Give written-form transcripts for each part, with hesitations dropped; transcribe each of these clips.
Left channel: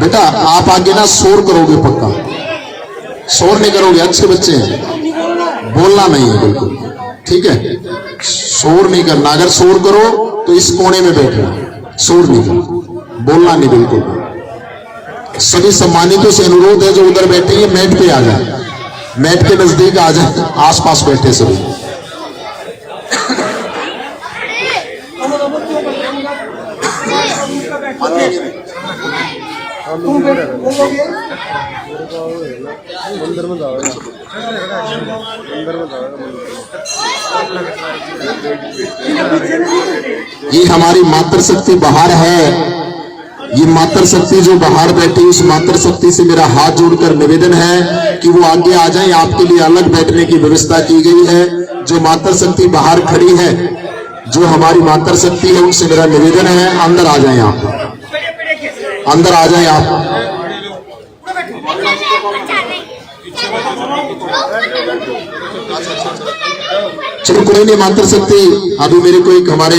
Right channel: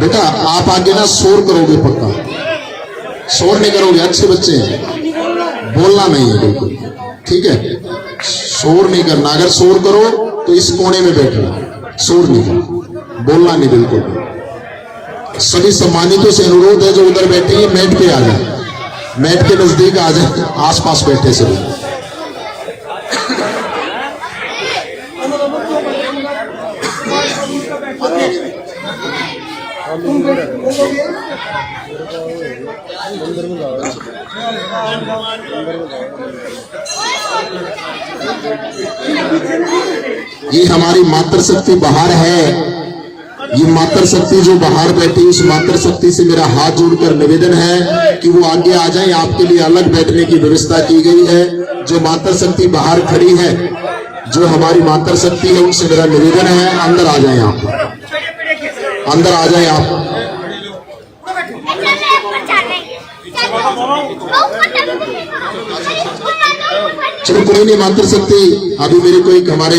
बेटा आप आगे ना शोर करोगे, पक्का शोर नहीं करोगे, अच्छे बच्चे हैं, बोलना नहीं है बिल्कुल, ठीक है? शोर नहीं करना, अगर शोर करो तो इस कोने में बैठना, शोर नहीं करना, बोलना नहीं बिल्कुल। सभी सम्मानितों से अनुरोध है जो उधर बैठे हैं मैट पे आ जाए, मैट के नजदीक आ जाए, आसपास बैठे सभी। ये हमारी मातृ शक्ति बाहर है, ये मातृ शक्ति जो बाहर बैठी, उस मातृ शक्ति से मेरा हाथ जोड़कर निवेदन है कि वो आगे आ जाएं। आपके लिए अलग बैठने की व्यवस्था की गई है। जो मातृ शक्ति बाहर खड़ी है, जो हमारी मातृ शक्ति है, उनसे मेरा निवेदन है अंदर आ जाएं, आप अंदर आ जाएं आप। चलो कोई नहीं, मातृ शक्ति अभी मेरे को एक हमारे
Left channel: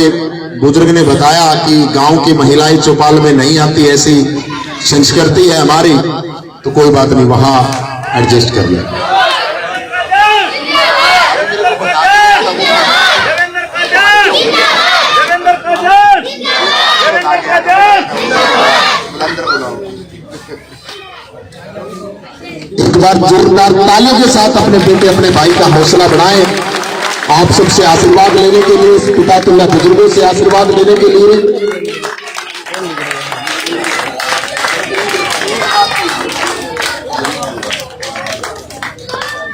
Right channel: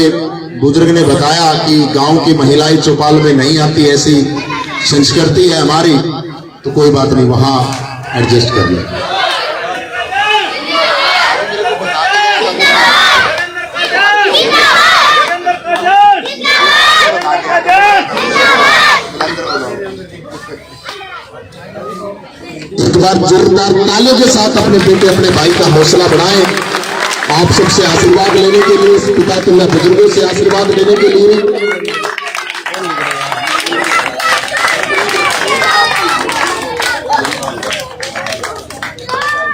बुजुर्ग ने बताया कि गांव की महिलाएं चौपाल में नहीं आती, ऐसी संस्कृति है हमारी, तो कोई बात नहीं, वहां एडजस्ट कर ले। एक बार जोरदार तालियों के साथ अपने बेटे अपने भाई का हौसला बढ़ाएं। आप सबसे आशीर्वाद लेने के लिए, पितातुल्लाह बुजुर्गों से आशीर्वाद लेने के लिए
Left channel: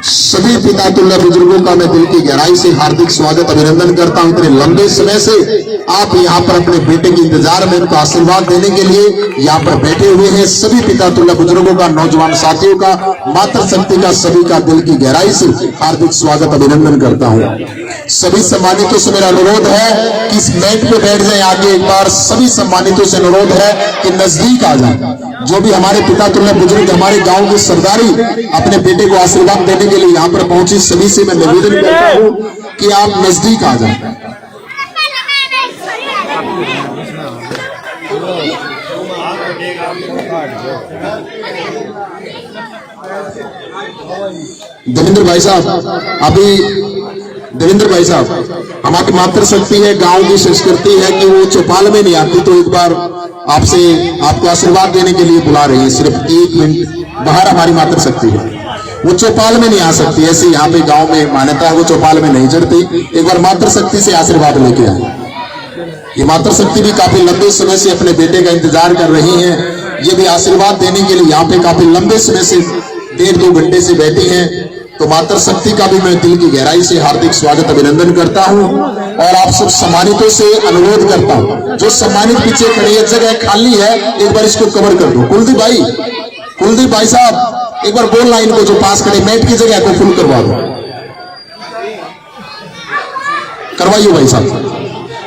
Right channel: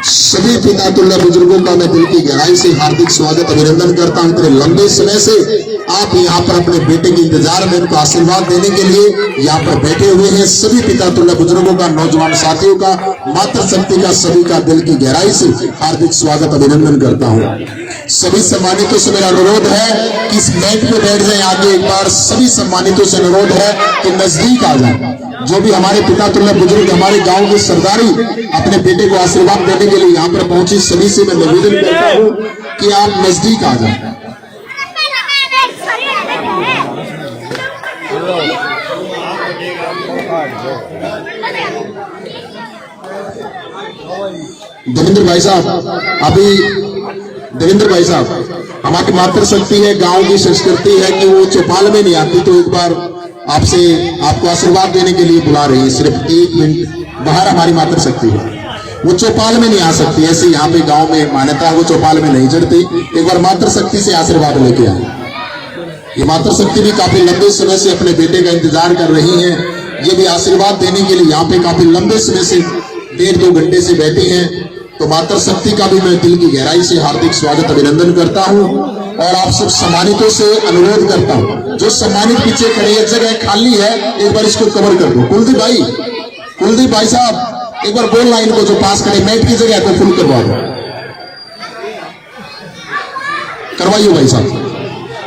सभी पितातुल्लाह बुजुर्गों का मैं दिल की गहराई से हार्दिक स्वागत अभिनंदन करता हूं। इतने लंबे समय से आप यहाँ पर अपने बेटे के इंतजार में उनको आशीर्वाद देने के लिए यहाँ पर बैठे हुए हैं। सभी पितातुल्लाह बुजुर्गों का, नौजवान साथियों का, मातृ शक्ति का, सभी का दिल की गहराई से हार्दिक स्वागत अभिनंदन करता हूँ। सभी सम्मानितों से मेरा अनुरोध है कि इस मैट पे बैठ जाए आगे। एक बार सभी सम्मानितों से अनुरोध है कि नजदीक आ जाए। जो भी हमारे पितातुल्लाह बुजुर्ग, हमारे गांव की सरदारी अपने बेटे को आशीर्वाद देने के लिए यहाँ पर पहुंची, सभी से मैं निवेदन करता हूँ कि आप नजदीक आ जाएं। देवेंद्र भाई साहब, अभी देवेंद्र भाई साहब, हमारी मातृ शक्ति है, गांव की संस्कृति है कि वो चौपाल में नहीं आती, तो एक बार आपसे आपको आशीर्वाद देने के लिए बुला रही है। सिर्फ 1 मिनट बाहर हमारी मातृ शक्ति है, वो चौपाल में नहीं आ सकती, ऐसे यहाँ पे गांव में मान्यता है, वो चौपाल में नहीं चढ़ती। एक बार मातृ शक्ति से आशीर्वाद लेके आए। ये मातृ शक्ति भी काफी लंबे समय से अपने बेटे का इंतजार कर रही है। ये भी आशीर्वाद देने के लिए यहाँ पे काफी लंबे समय से 1.5-2 घंटे से बैठी है। तो मातृ शक्ति का भी मैं दिल की गहराई से हार्दिक स्वागत अभिनंदन करता हूं और आप सब सम्मानितों से अनुरोध करता हूं, जो सम्मानित पीछे खड़े हैं, जगह खाली है, एक बार इसको कवर कर दो। कुलदीप भाई साहब, एक बार बोलना इनको जो पास खड़े, मैट की जगह को फुल करवा दो, करवाइयो भाई साहब,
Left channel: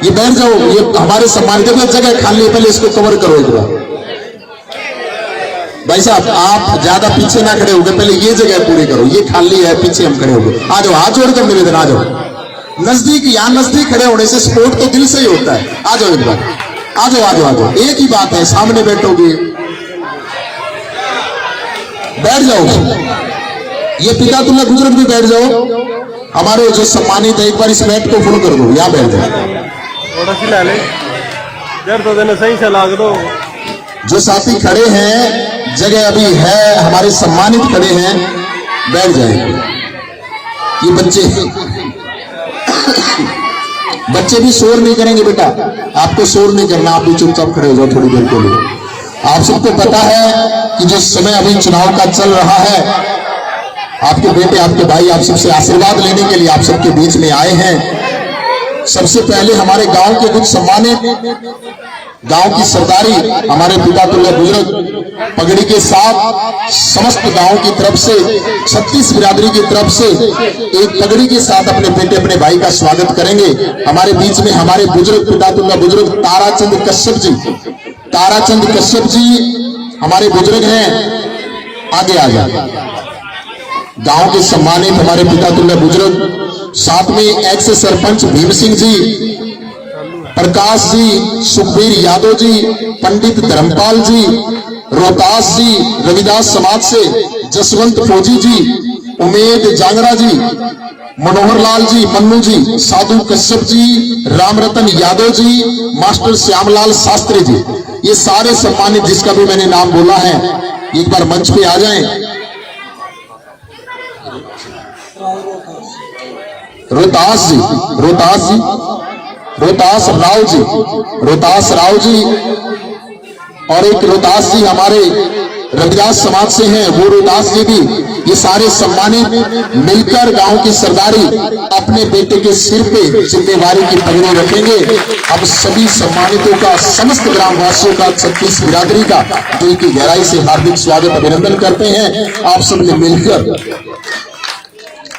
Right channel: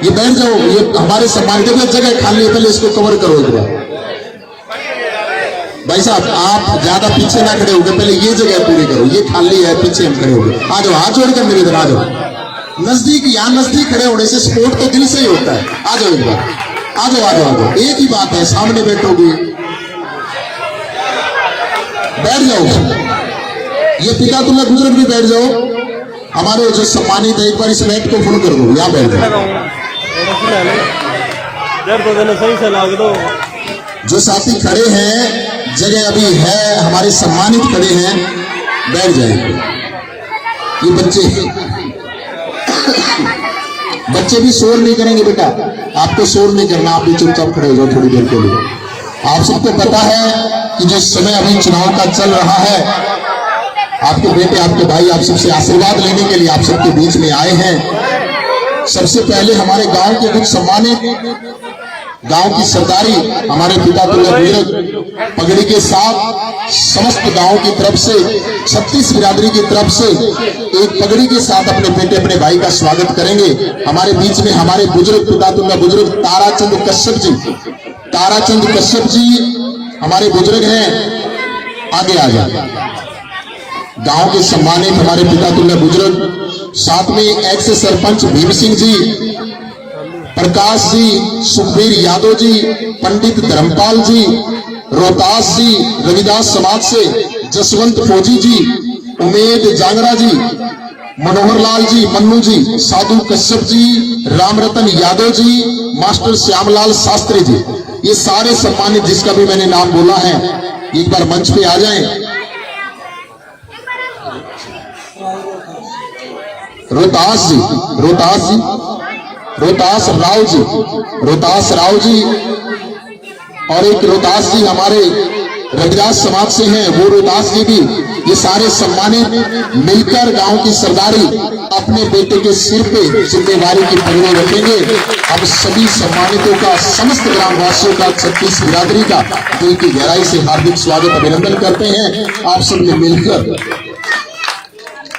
ये बैठ जाओ, ये हमारे सम्मानित जगह खाली है, पहले इसको कवर करो एक बार। भाई साहब आप ज्यादा पीछे ना खड़े होगे, पहले ये जगह पूरी करो, ये खाली है, पीछे हम खड़े होंगे। आ जाओ, हाथ जोड़कर निवेदन, आ जाओ नजदीक। यहाँ नजदीक खड़े होने से सपोर्ट तो दिल से ही होता है। आ जाओ एक बार, आ जाओ आ जाओ आ जाओ, एक ही बात है, सामने बैठोगे, बैठ जाओ। ये पितातुल्लाह बुजुर्ग भी बैठ जाओ, हमारे जो सम्मानित है, एक बार इस मैट को फुल कर दो, यहाँ बैठ जाओ। सही से लाग दो। जो साथी खड़े हैं, जगह अभी है, हमारे सम्मानित खड़े हैं, बैठ जाएंगे। ये बच्चे भी शोर नहीं करेंगे बेटा, आपको शोर नहीं करना, आप भी चुपचाप खड़े हो जाओ थोड़ी देर के लिए। आप सबको पता है कि जो समय अभी चुनाव का चल रहा है, आपके बेटे, आपके भाई आप सबसे आशीर्वाद लेने के लिए आप सबके बीच में आए हैं। सबसे पहले हमारे गांव के कुछ सम्मानित, गांव की सरदारी, हमारे पितातुल्लाह बुजुर्ग पगड़ी के साथ समस्त गांव की तरफ से, 36 बिरादरी की तरफ से एक पगड़ी के साथ अपने बेटे अपने भाई का स्वागत करेंगे। हमारे बीच में हमारे बुजुर्ग, पितातुल्लाह बुजुर्ग ताराचंद कश्यप जी हमारे बुजुर्ग हैं, आगे आ जाए। गांव के सम्मानित हमारे पितातुल्लाह बुजुर्ग, साथ में एक्स सरपंच भीम सिंह जी, प्रकाश जी, सुखबीर यादव जी, पंडित धर्मपाल जी, रोहतास जी रविदास समाज से, जसवंत फौजी जी, उमेद जांगरा जी, मनोहर लाल जी, मन्नू जी, साधु कश्यप जी, रामरतन यादव जी, मास्टर श्यामलाल शास्त्री जी, ये सारे सम्मानित जिसका भी मैंने नाम बोला है एक बार मंच पे आ जाएं। रोहतास जी, रोहतास जी, रोहतास राव जी, रोहतास राव जी, और एक रोहतास जी हमारे रविदास समाज से हैं, वो रोहतास जी भी, ये सारे सम्मानित मिलकर गांव की सरदारी अपने बेटे के सिर पे जिम्मेवारी की पगड़ी रखेंगे। अब सभी सम्मानितों का, समस्त ग्रामवासियों का, 36 बिरादरी का दिल की गहराई से हार्दिक स्वागत अभिनंदन करते हैं। आप सबने मिलकर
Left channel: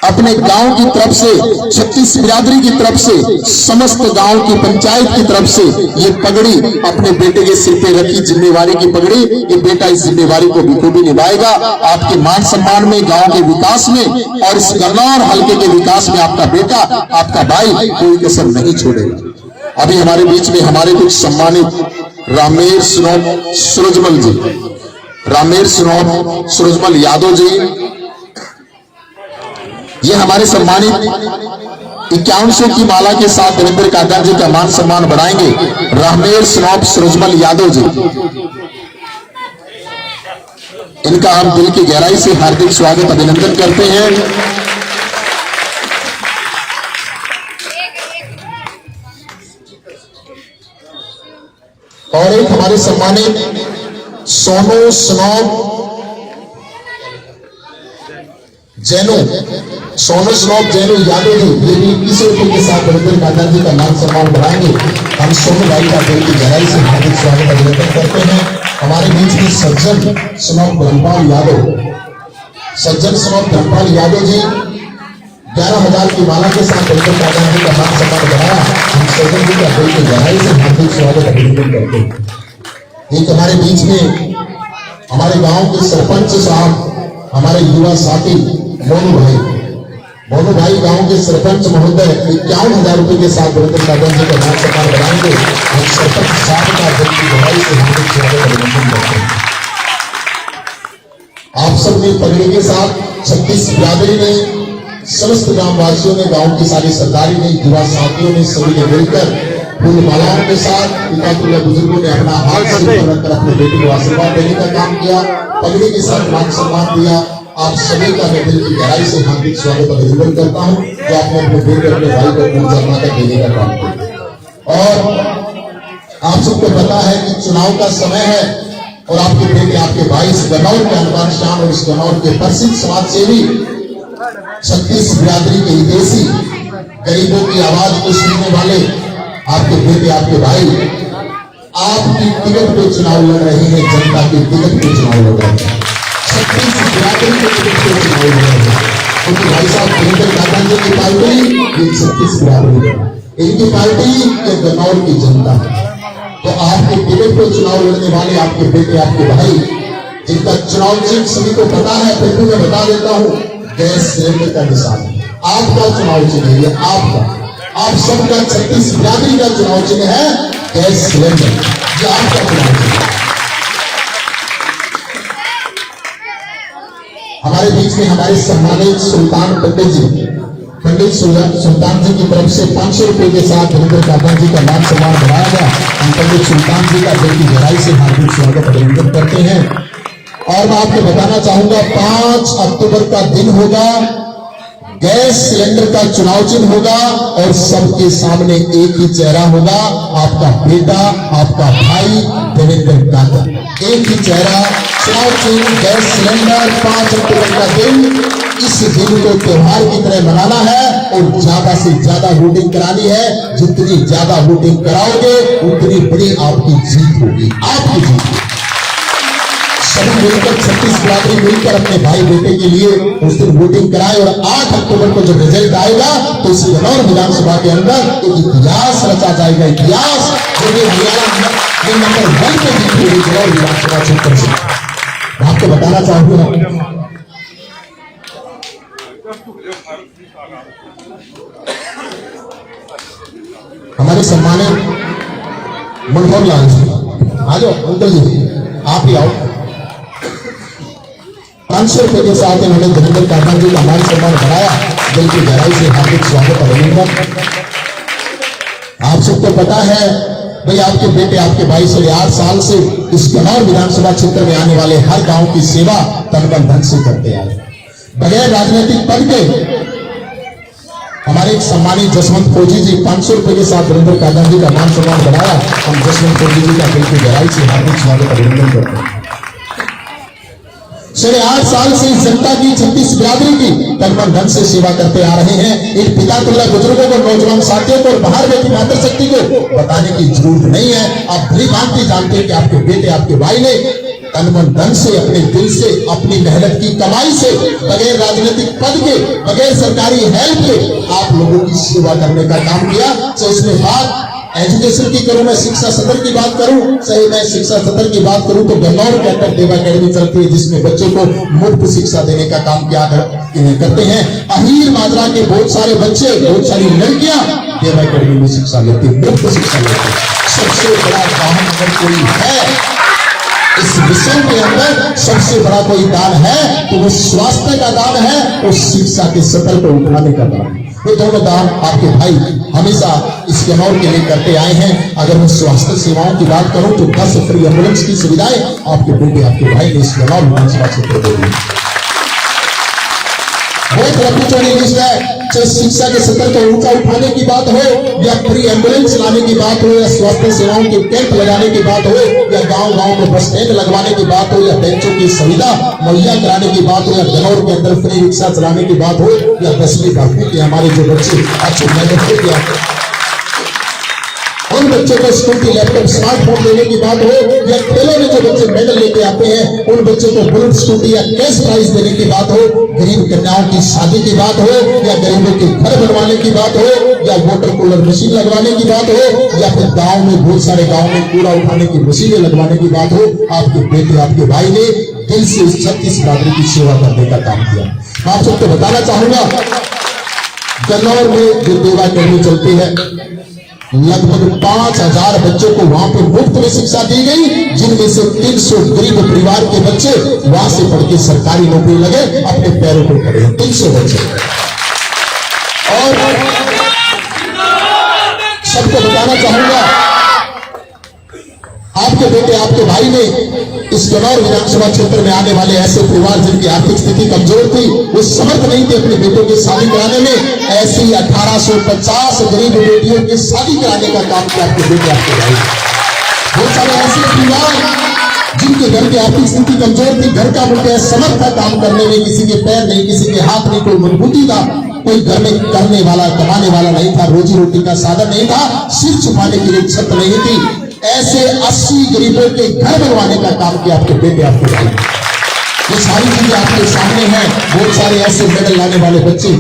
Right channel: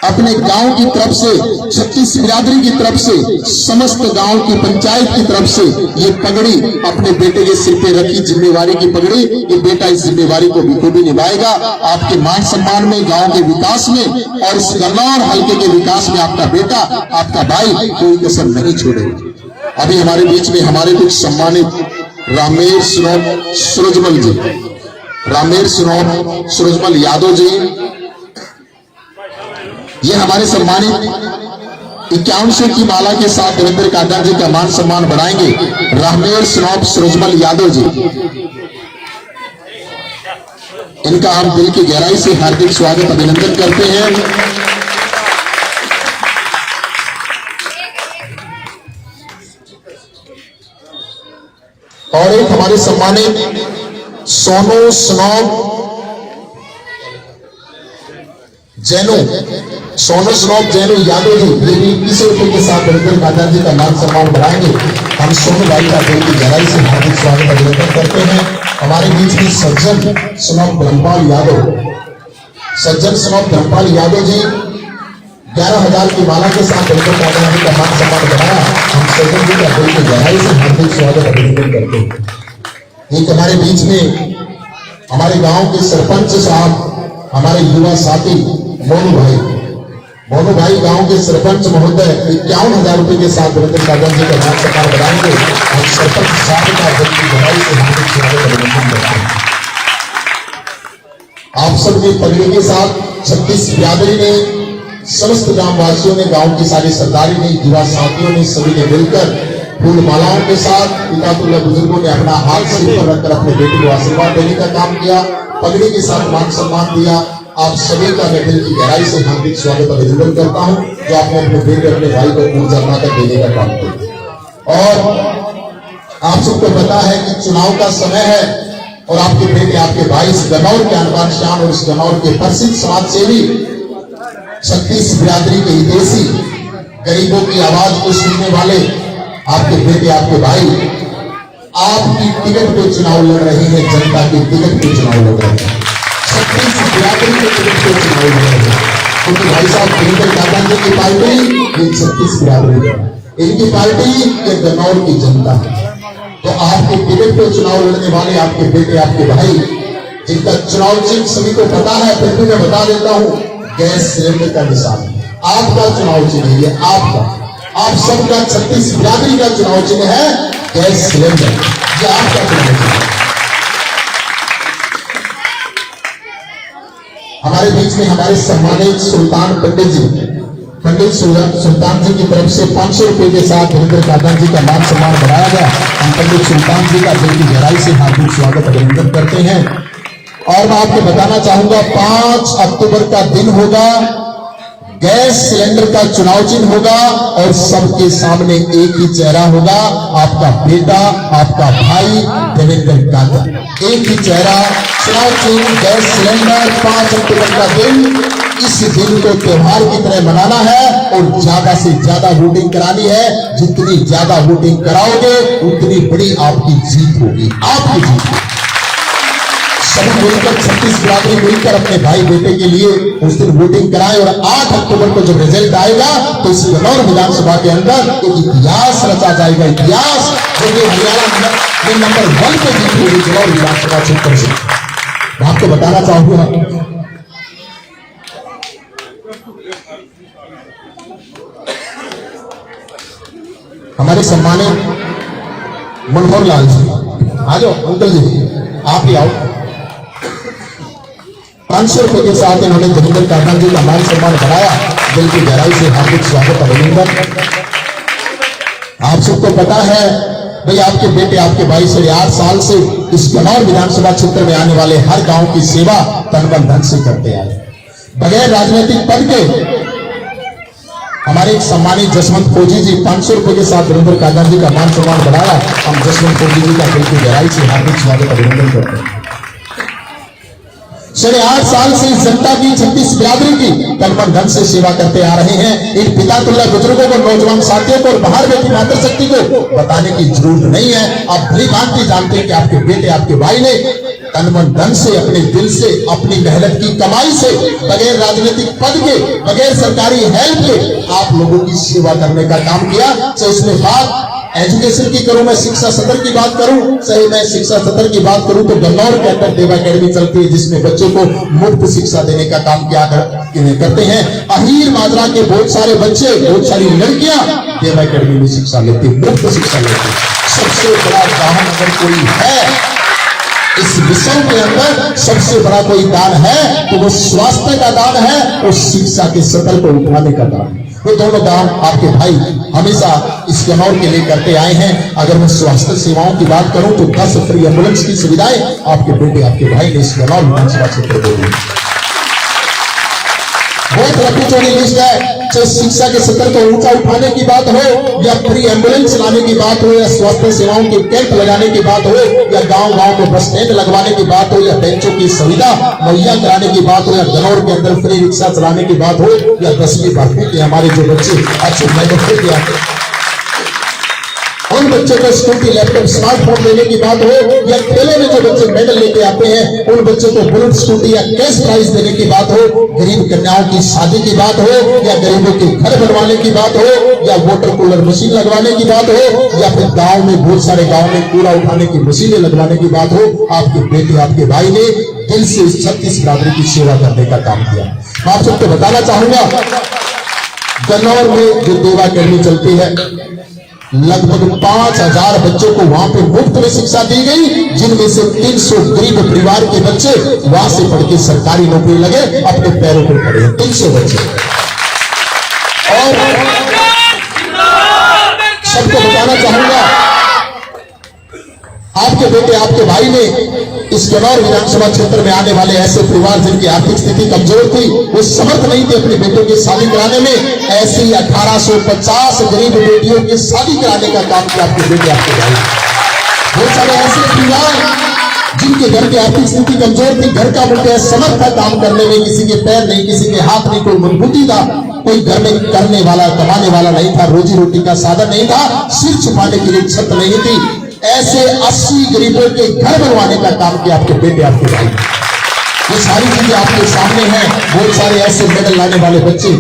अपने गांव की तरफ से, 36 बिरादरी की तरफ से, समस्त गांव की पंचायत की तरफ से ये पगड़ी अपने बेटे के सिर पे रखी, जिम्मेवारी की पगड़ी। ये बेटा इस जिम्मेवारी को बखूबी निभाएगा। आपके मान सम्मान में, गांव के विकास में और इस गन्नौर हल्के के विकास में आपका बेटा, आपका भाई कोई कसर नहीं छोड़ेगा। अभी हमारे बीच में हमारे कुछ सम्मानित रामेर सिनोब सूरजमल जी, रामेर सिनोब सूरजमल यादव जी, ये हमारे सम्मानित 5100 की माला के साथ देवेंद्र काका जी का मान सम्मान बढ़ाएंगे। रामेर सिनोब सूरजमल यादव जी, इनका हम दिल की गहराई से हार्दिक स्वागत अभिनंदन करते हैं। और एक हमारे सम्मानित सोनू सिनोब जैनो, सोनू सिनोब जैनो यादव जी, ये भी 21 रुपए के साथ देवेंद्र काका जी का मान सम्मान बढ़ाएंगे। हम सोनू भाई का दिल की गहराई से हार्दिक स्वागत अभिनंदन करते हैं। हमारे बीच में सज्जन सिनोब धर्मपाल यादव, सज्जन सिनोब धर्मपाल यादव जी 11,000 की माला के साथ देवेंद्र काका जी का मान सम्मान बढ़ाया। हम सज्जन जी का दिल की गहराई से हार्दिक स्वागत अभिनंदन करते हैं। एक हमारे बीच में हमारे गांव के सरपंच साहब, हमारे युवा साथी मोनू भाई गांव के सरपंच महोदय 51,000 रुपए के साथ देवेंद्र काका जी का मान सम्मान बढ़ाएंगे। हम सरपंच साहब का दिल की गहराई से हार्दिक स्वागत अभिनंदन करते हैं। आप सब ने पगड़ी के साथ 36 बिरादरी ने, समस्त ग्रामवासियों ने, गांव की सारी सरदारी ने, युवा साथियों ने, सभी ने मिलकर फूल मालाओं के साथ पितातुल्लाह बुजुर्गों ने अपना हाथ सिर पर रखकर अपने बेटे को आशीर्वाद देने का काम किया, पगड़ी के साथ मान सम्मान दिया। आप सभी का मैं दिल की गहराई से हार्दिक स्वागत अभिनंदन करता हूं, जो आपने अपने बेटे, अपने भाई को ऊर्जा बनाकर देने का काम किया। और आप सबको पता है कि चुनाव का समय है और आपके बेटे, आपके भाई इस गन्नौर के अनबान शान और इस गन्नौर के प्रसिद्ध समाज सेवी 36 बिरादरी के हितैषी, गरीबों की आवाज को सुनने वाले आपके बेटे, आपके भाई आपकी टिकट पे चुनाव लड़ रहे हैं, जनता की टिकट पे चुनाव लड़ रहे हैं, 36 बिरादरी के टिकट पे चुनाव लड़ रहे हैं। क्योंकि भाई साहब देवेंद्र काका जी की पार्टी ये 36 बिरादरी है, इनकी पार्टी ये गन्नौर की जनता है। तो आपके टिकट पे चुनाव लड़ने वाले आपके बेटे, आपके भाई, जिनका चुनाव चिन्ह सभी को पता है, फिर भी मैं बता देता हूँ, गैस सिलेंडर का निशान आपका चुनाव चिन्ह है। ये आपका, आप सबका 36 बिरादरी का चुनाव चिन्ह है गैस सिलेंडर, ये आपका चुनाव चिन्ह है। हमारे बीच में हमारे सम्मानित सुल्तान पंडित जी, पंडित सुल्तान जी की तरफ से 500 रुपए के साथ देवेंद्र काका जी का मान सम्मान बढ़ाया गया। हम पंडित सुल्तान जी का दिल की गहराई से हार्दिक स्वागत अभिनंदन करते हैं। और मैं आपको बताना चाहूंगा 5 अक्टूबर का दिन होगा, गैस सिलेंडर का चुनाव चिन्ह होगा और सबके सामने एक ही चेहरा होगा, आपका बेटा, आपका भाई देवेंद्र काका, एक ही चेहरा, चुनाव चिन्ह, गैस सिलेंडर। 5 अक्टूबर का दिन, इस दिन को त्योहार की तरह मनाना है और ज्यादा से ज्यादा वोटिंग करानी है। जितनी ज्यादा वोटिंग कराओगे उतनी बड़ी आपकी जीत होगी, आपकी जीत होगी। सभी मिलकर 36 बिरादरी मिलकर अपने भाई बेटे के लिए उस दिन वोटिंग कराए और 8 अक्टूबर को जब रिजल्ट आएगा तो इस गन्नौर विधानसभा के अंदर एक इतिहास रचा जाएगा। इतिहास जो ये नंबर 1 पे जीत होगी गन्नौर विधानसभा क्षेत्र से। मैं आपको बताना चाहूंगा, हमारे सम्मानित मनोहर लाल जी, आ जाओ अंकल जी, आप ही आओ। 500 रुपए के साथ इन्होंने देवेंद्र काका जी का मान सम्मान बढ़ाया। दिल की गहराई से हार्दिक स्वागत अभिनंदन। आप सबको पता है भाई, आपके बेटे आपके भाई से 8 साल से इस गन्नौर विधानसभा क्षेत्र में आने वाले हर गांव की सेवा तन मन धन से करते आए, बगैर राजनीतिक पद के। हमारे एक सम्मानित जसवंत फौजी जी 500 रुपए के साथ देवेंद्र काका जी का मान सम्मान बढ़ाया। हम जसवंत फौजी जी का दिल की गहराई से हार्दिक स्वागत अभिनंदन करते हैं। 8.5 साल से इस जनता की 36 बिरादरी की तन मन धन से सेवा करते आ रहे हैं। इन पिता तुल्य बुजुर्गों को, नौजवान साथियों को और बाहर बैठी मातृशक्ति को बताने की जरूरत नहीं है। आप भली भांति जानते हैं कि आपके बेटे आपके भाई ने तन मन धन से, अपने दिल से, अपनी मेहनत की कमाई से, बगैर राजनीतिक पद के, बगैर सरकारी हेल्प के आप लोगों की सेवा करने का काम किया। तो इसमें बात एजुकेशन की करूं, मैं शिक्षा सत्र की बात करूं, सही मैं शिक्षा सत्र की बात करूं तो गन्नौर के अंदर देवा अकेडमी चलती है, जिसमें बच्चों को मुफ्त शिक्षा देने का काम किया करते हैं। अहीर माजरा के बहुत सारे बच्चे, बहुत सारी लड़कियां देवा अकेडमी में शिक्षा लेती, मुफ्त शिक्षा लेती। सबसे बड़ा दान अगर कोई है इस विषय के अंदर, सबसे बड़ा कोई दान है तो वो स्वास्थ्य का दान है और शिक्षा के स्तर को उठाने का दान है। ये दोनों दान आपके भाई हमेशा इस गन्नौर के लिए करते आए हैं। अगर मैं स्वास्थ्य सेवाओं की बात करूं तो 10 फ्री एम्बुलेंस की सुविधाएं आपके बेटे आपके भाई ने इस गन्नौर विधानसभा क्षेत्र में दी। बहुत लंबी चौड़ी लिस्ट है। चाहे शिक्षा के स्तर को ऊंचा उठाने की बात हो, या फ्री एम्बुलेंस लाने की बात हो, या स्वास्थ्य सेवाओं के कैंप लगाने की बात हो, या गांव गांव में बस स्टैंड लगवाने की बात हो, या बेंचों की सुविधा मुहैया कराने की बात हो, या गन्नौर के अंदर फ्री रिक्शा चलाने की बात हो, या 10वीं 12वीं के हमारे जो बच्चे अच्छे मेहनत किया उन बच्चों को स्कूटी, लैपटॉप, स्मार्टफोन देने की बात हो, या खेलों में जो बच्चे मेडल लेके आते हैं उन बच्चों को बुलेट स्कूटी या कैश प्राइज देने की बात हो, गरीब कन्याओं की शादी की बात हो, या गरीबों के घर बनवाने की बात हो, या वाटर कूलर मशीन लगवाने की बात हो, या फिर गांव में बहुत सारे गांव में कूड़ा उठाने की मशीनें लगवाने की बात हो, आपके बेटे आपके भाई ने दिल से 36 बिरादरी की सेवा करने का काम किया। मैं आप सबको बताना चाहूंगा, गन्नौर में जो देवा अकेडमी चलती है, लगभग 5000 बच्चों को वहां पे मुफ्त में शिक्षा दी गई, जिनमें से 300 गरीब परिवार के बच्चे वहां से पढ़ के सरकारी नौकरी लगे, अपने पैरों पर खड़े। 300 बच्चे। और सबको बताना चाहूंगा, आपके बेटे आपके भाई ने इस गन्नौर विधानसभा क्षेत्र में आने वाले ऐसे परिवार जिनकी आर्थिक स्थिति कमजोर थी, वो समर्थ नहीं थे अपने बेटों की शादी कराने में, ऐसी 1850 गरीब बेटियों की शादी कराने का काम किया आपके बेटे आपके भाई। बहुत सारे ऐसे परिवार जिनके घर की आर्थिक स्थिति कमजोर थी, घर का मुख्य समर्थ था काम करने में, किसी के पैर नहीं, किसी के हाथ नहीं, कोई मजबूती था, कोई घर में करने वाला कमाने वाला नहीं था, रोजी रोटी का साधन नहीं था, सिर छुपाने के लिए छत नहीं थी, ऐसे 80 गरीबों के घर बनवाने का काम किया आपके बेटे आपके भाई। ये सारी चीजें आपके सामने हैं। बहुत सारे ऐसे मेडल लाने वाले बच्चे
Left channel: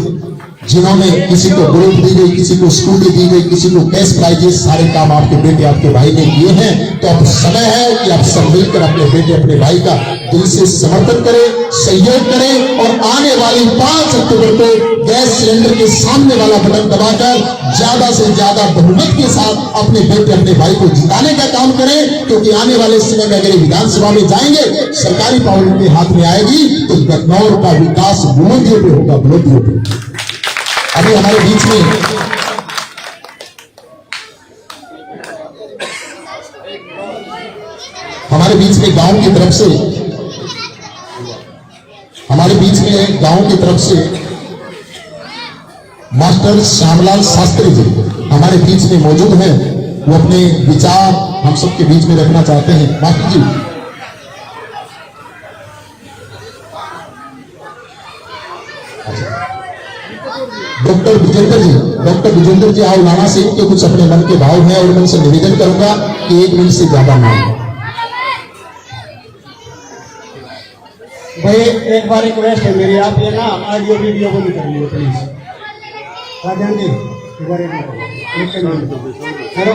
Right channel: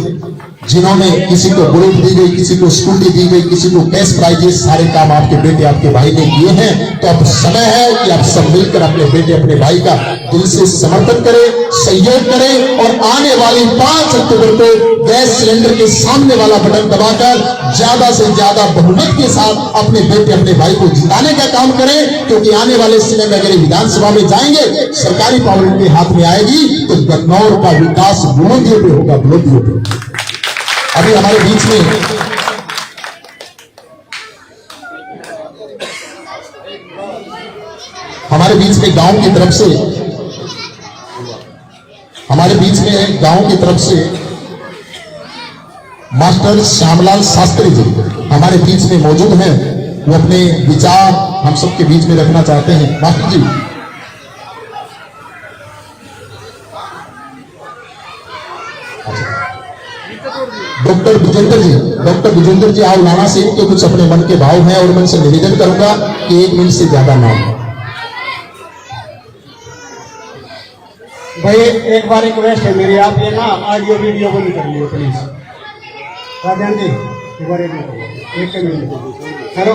जिन्होंने, किसी को बुलेट दी गई, किसी को स्कूटी दी गई, किसी को कैश प्राइजेस, सारे काम आपके बेटे आपके भाई ने किए हैं। तो अब समय है कि आप सब मिलकर अपने बेटे अपने भाई का दिल से समर्थन करें, सहयोग करें, और आने वाली 5 अक्टूबर को गैस सिलेंडर के सामने वाला बटन दबाकर ज्यादा से ज्यादा बहुमत के साथ अपने बेटे अपने भाई को जिताने का काम करें। क्योंकि आने वाले समय में अगर विधानसभा में जाएंगे, सरकारी पावर उनके हाथ में आएगी, तो गन्नौर का विकास बुलंदियों पे होगा, बुलंदियों पे। अभी हमारे बीच में गांव की तरफ से, हमारे बीच में गांव की तरफ से मास्टर श्यामलाल शास्त्री जी हमारे बीच में मौजूद हैं। वो अपने विचार हम सबके बीच में रखना चाहते हैं। मास्टर जी, डॉक्टर विजेंद्र जी आओ लाना से इनके कुछ अपने मन के भाव हैं, और मैं उनसे निवेदन करूंगा कि 1 मिनट से ज्यादा ना हो। भाई एक बार रिक्वेस्ट है मेरी, आप ये ना ऑडियो वीडियो बंद कर लियो प्लीज। राजन जी एक बार एक मिनट करो,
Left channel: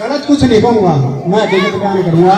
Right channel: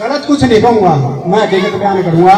गलत कुछ नहीं कहूंगा, मैं हकीकत बयान करूंगा।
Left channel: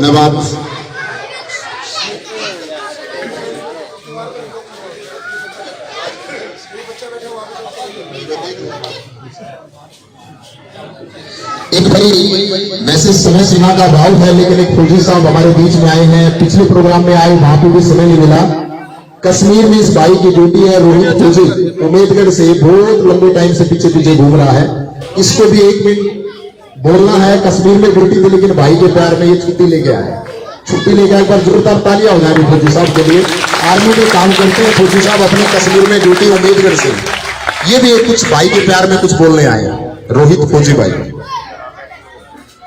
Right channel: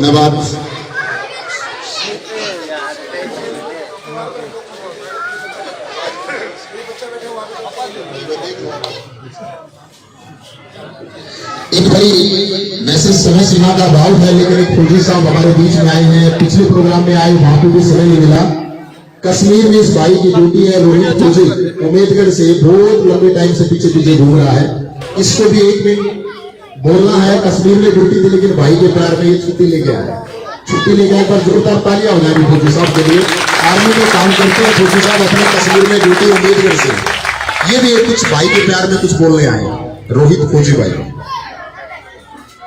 धन्यवाद। एक भाई वैसे समय सीमा का अभाव है, लेकिन एक फौजी साहब हमारे बीच में आए हैं, पिछले प्रोग्राम में आए, वहां पे भी समय नहीं मिला। कश्मीर में इस भाई की ड्यूटी है, रोहित फौजी उम्मेदगढ़ से बहुत लंबे टाइम से पीछे पीछे घूम रहा है। इसको भी 1 मिनट बोलना है। कश्मीर में ड्यूटी थी, लेकिन भाई के प्यार में ये छुट्टी लेके आया। छुट्टी लेके आए, पर जोरदार तालियां हो जाएगी फौजी साहब के लिए। आर्मी में काम करते हैं फौजी साहब, अपने कश्मीर में ड्यूटी उम्मेदगढ़ से। ये भी कुछ भाई के प्यार में कुछ बोलने आए हैं। रोहित फौजी भाई।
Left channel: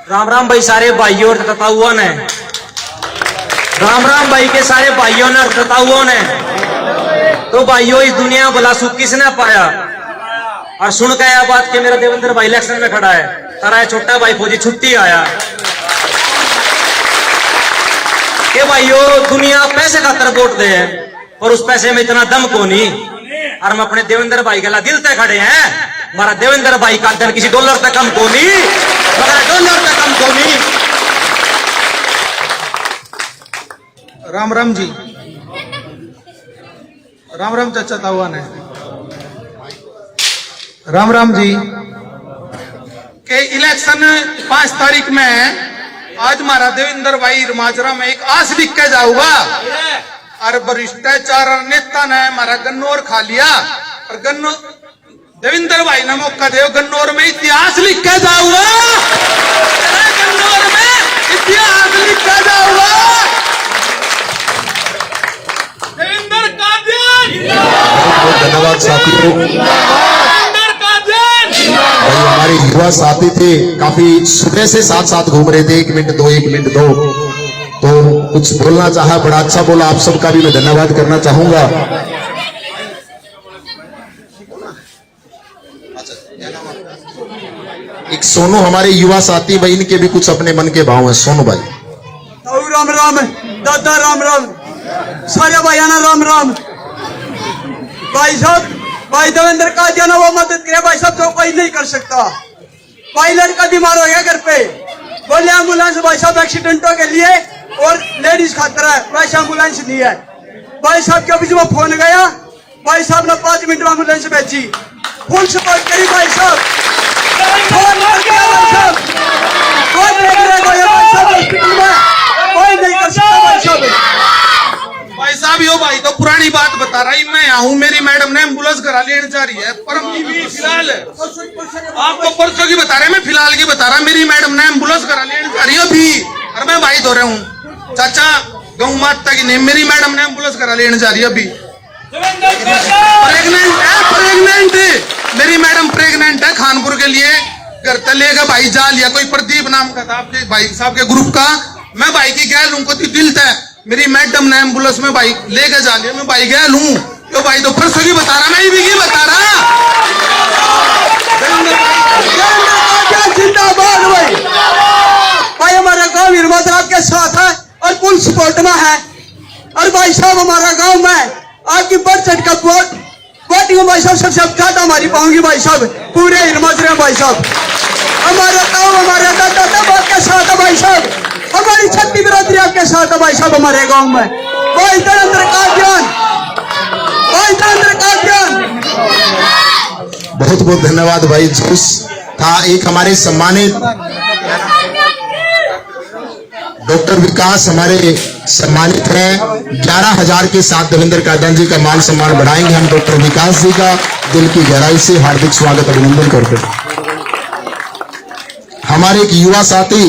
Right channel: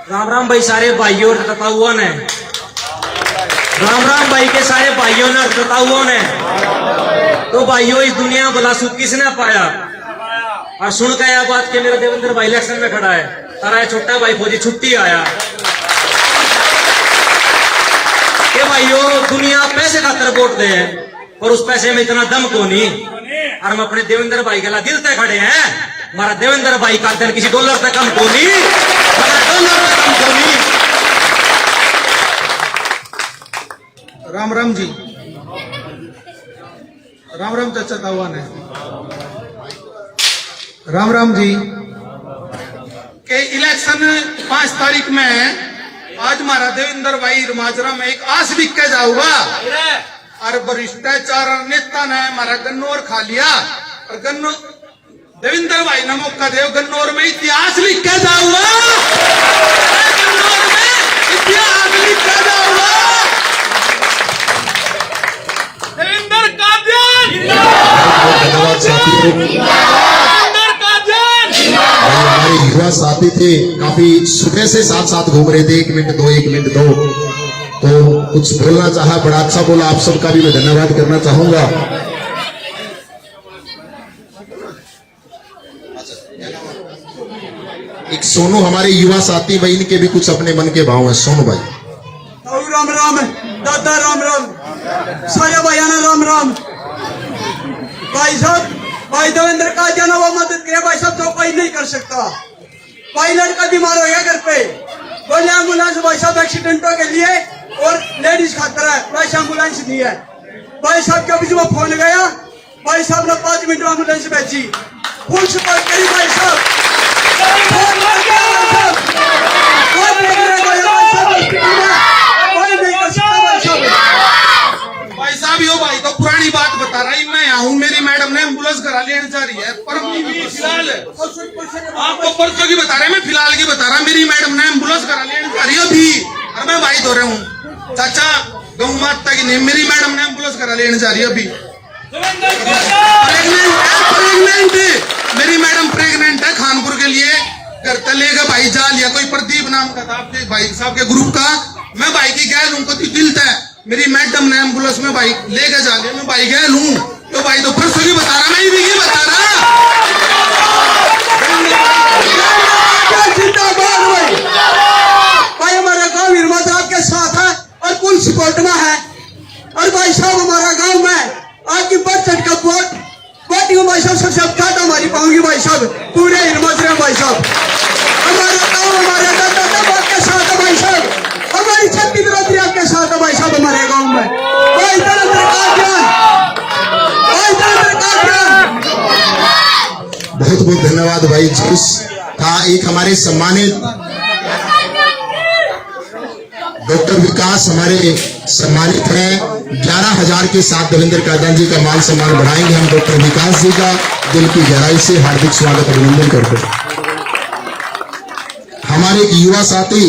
राम राम भाई सारे भाइयों और तताउओं ने, राम राम भाई के सारे भाइयों ने और तताउओं ने। तो भाइयों, इस दुनिया में भला सुख किसने पाया? और सुन के यह बात कि मेरा देवेंद्र भाई इलेक्शन में खड़ा है, तारा छोटा भाई फौजी छुट्टी आया कि भाइयों दुनिया पैसे खातर वोट दे, और उस पैसे में इतना दम को नहीं। और हम अपने देवेंद्र भाई के ला दिल तक खड़े हैं। हमारा देवेंद्र भाई का दिन किसी डॉलर तक कम को नहीं, डॉलर तक कम को नहीं। राम राम जी, राम राम चाचा तावा ने, राम राम जी। के इलेक्शन 5 तारीख में है। आज हमारा देवेंद्र भाई माजरा में एक आस लिख के जाऊंगा, और भ्रष्टाचार नेता ने हमारा गन्नौर खा लिया, और देवेंद्र भाई ने मौका दे, गन्नौर में इतिहास लिख के जाऊंगा, गन्नौर में इतिहास लिख के जाऊंगा। देवेंद्र कादियान, धन्यवाद साथियों। देवेंद्र कादियान। भाई हमारे युवा साथी थे, काफी सुबह से साथ साथ घूम रहे थे। 1 मिनट दो, 1 मिनट दो, तो कुछ बोलना चाहा, बड़ा अच्छा बोला। आप सबका भी मैं धन्यवाद करना चाहूंगा। एक सोनू हमारे युवा साथी भाई, इनके भी कुछ अपने मन के भाव हैं। सोनू भाई। राम राम दादा, राम राम सारे भाइयों ने, राम राम। भाई साहब, भाई देवेंद्र का जाना वो मदद करे भाई साहब, तो कोई नहीं कर सकता। भाई लड़का बीमार हो गया घर पे, बोले एम्बुलेंस भाई साहब एक्सीडेंटों के लिए और लेडीज खातर है, वैसे एम्बुलेंस नहीं है। भाई साहब के बीच में फोन गया, भाई साहब ने 5 मिनट में एम्बुलेंस भेजी, फुल सपोर्ट करी भाई साहब। फोन कर दिया भाई साहब, कोई नहीं करेगा भाई साहब हॉस्पिटल में, कोई नहीं कर सकता भाई साहब। भाई साहब, यो भाई तो पुरानी बात बता रहा है। मैं आऊं, मेरी मैडम ने एम्बुलेंस करा लेने जा रही है, पर फिलहाल आपको परसों की बता रहे, मैं फिलहाल की बता रहा। मेरी मैडम ने एम्बुलेंस करा लेने जा रही है अभी, और मैं भाई धो रहा हूँ चाचा, गौ माता की नहीं। मेरी मैडम ने एम्बुलेंस करा लेने जा रही है अभी। प्रेग्नेंट है, प्रेग्नेंट। मेरी मैडम प्रेग्नेंट है, खानपुर के लिए घर तक लेगा भाई जा लिया। कोई प्रदीप नाम का था आपके भाई साहब के ग्रुप का। मैं भाई की गैल हूँ, को दिल था। मेरी मैडम ने एम्बुलेंस में भाई लेकर जा लिया, मैं भाई गैल हूँ। तो भाई तो परसों की बता रहा, मैं भी की बता रहा। जिंदाबाद भाई। भाई हमारा गाँव हिरमत आपके साथ है और फुल सपोर्ट में है। और भाई साहब हमारा गाँव में आपकी बढ़ चढ़ का वोटिंग भाई साहब सबसे ज्यादा हमारी पाऊंगी भाई साहब, पूरे हिरमत रहे भाई साहब। हमारा गाँव हमारे दादा दादा के साथ है भाई साहब, हमारी छत्ती बिरादरी आपके साथ है भाई साहब हमारे गाँव में। भाई देवेंद्र कादियान, भाई देवेंद्र कादियान। बहुत बहुत धन्यवाद भाई। जोश था। एक हमारे सम्मानित डॉक्टर विकास हमारे सम्मानित हैं। 11,000 के साथ देवेंद्र कादियान जी का मान सम्मान बढ़ाएंगे हम। डॉक्टर विकास जी का दिल की गहराई से हार्दिक स्वागत अभिनंदन करते हैं। हमारे एक युवा साथी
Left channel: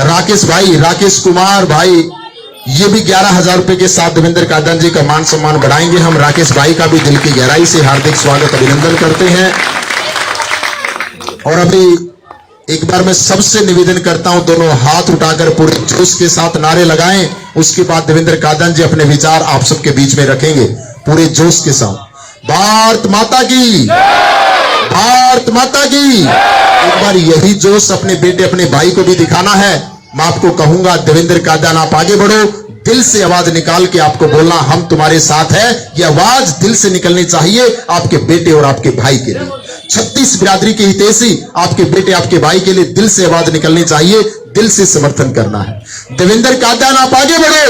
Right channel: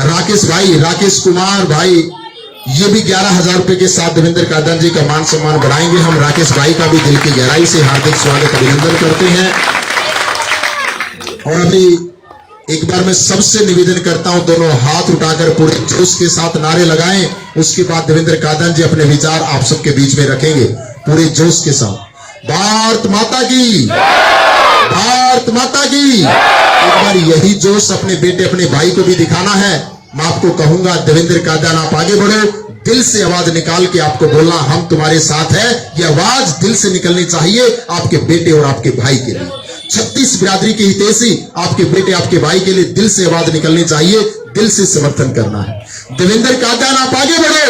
राकेश भाई, राकेश कुमार भाई, ये भी 11,000 रुपए के साथ देवेंद्र कादियान जी का मान सम्मान बढ़ाएंगे हम। राकेश भाई का भी दिल की गहराई से हार्दिक स्वागत अभिनंदन करते हैं। और अभी एक बार मैं सबसे निवेदन करता हूं, दोनों हाथ उठाकर पूरे जोश के साथ नारे लगाएं। उसके बाद देवेंद्र कादियान जी अपने विचार आप सबके बीच में रखेंगे पूरे जोश के साथ। भारत माता की, भारत माता की। एक बार यही जोश अपने बेटे अपने भाई को भी दिखाना है। मैं आपको कहूंगा देवेंद्र कादियान आप आगे बढ़ो, दिल से आवाज निकाल के आपको बोलना हम तुम्हारे साथ है। ये आवाज दिल से निकलनी चाहिए आपके बेटे और आपके भाई के लिए। 36 बिरादरी के हितैषी आपके बेटे आपके भाई के लिए दिल से आवाज निकलनी चाहिए, दिल से समर्थन करना है। देवेंद्र कादयान आप आगे बढ़ो,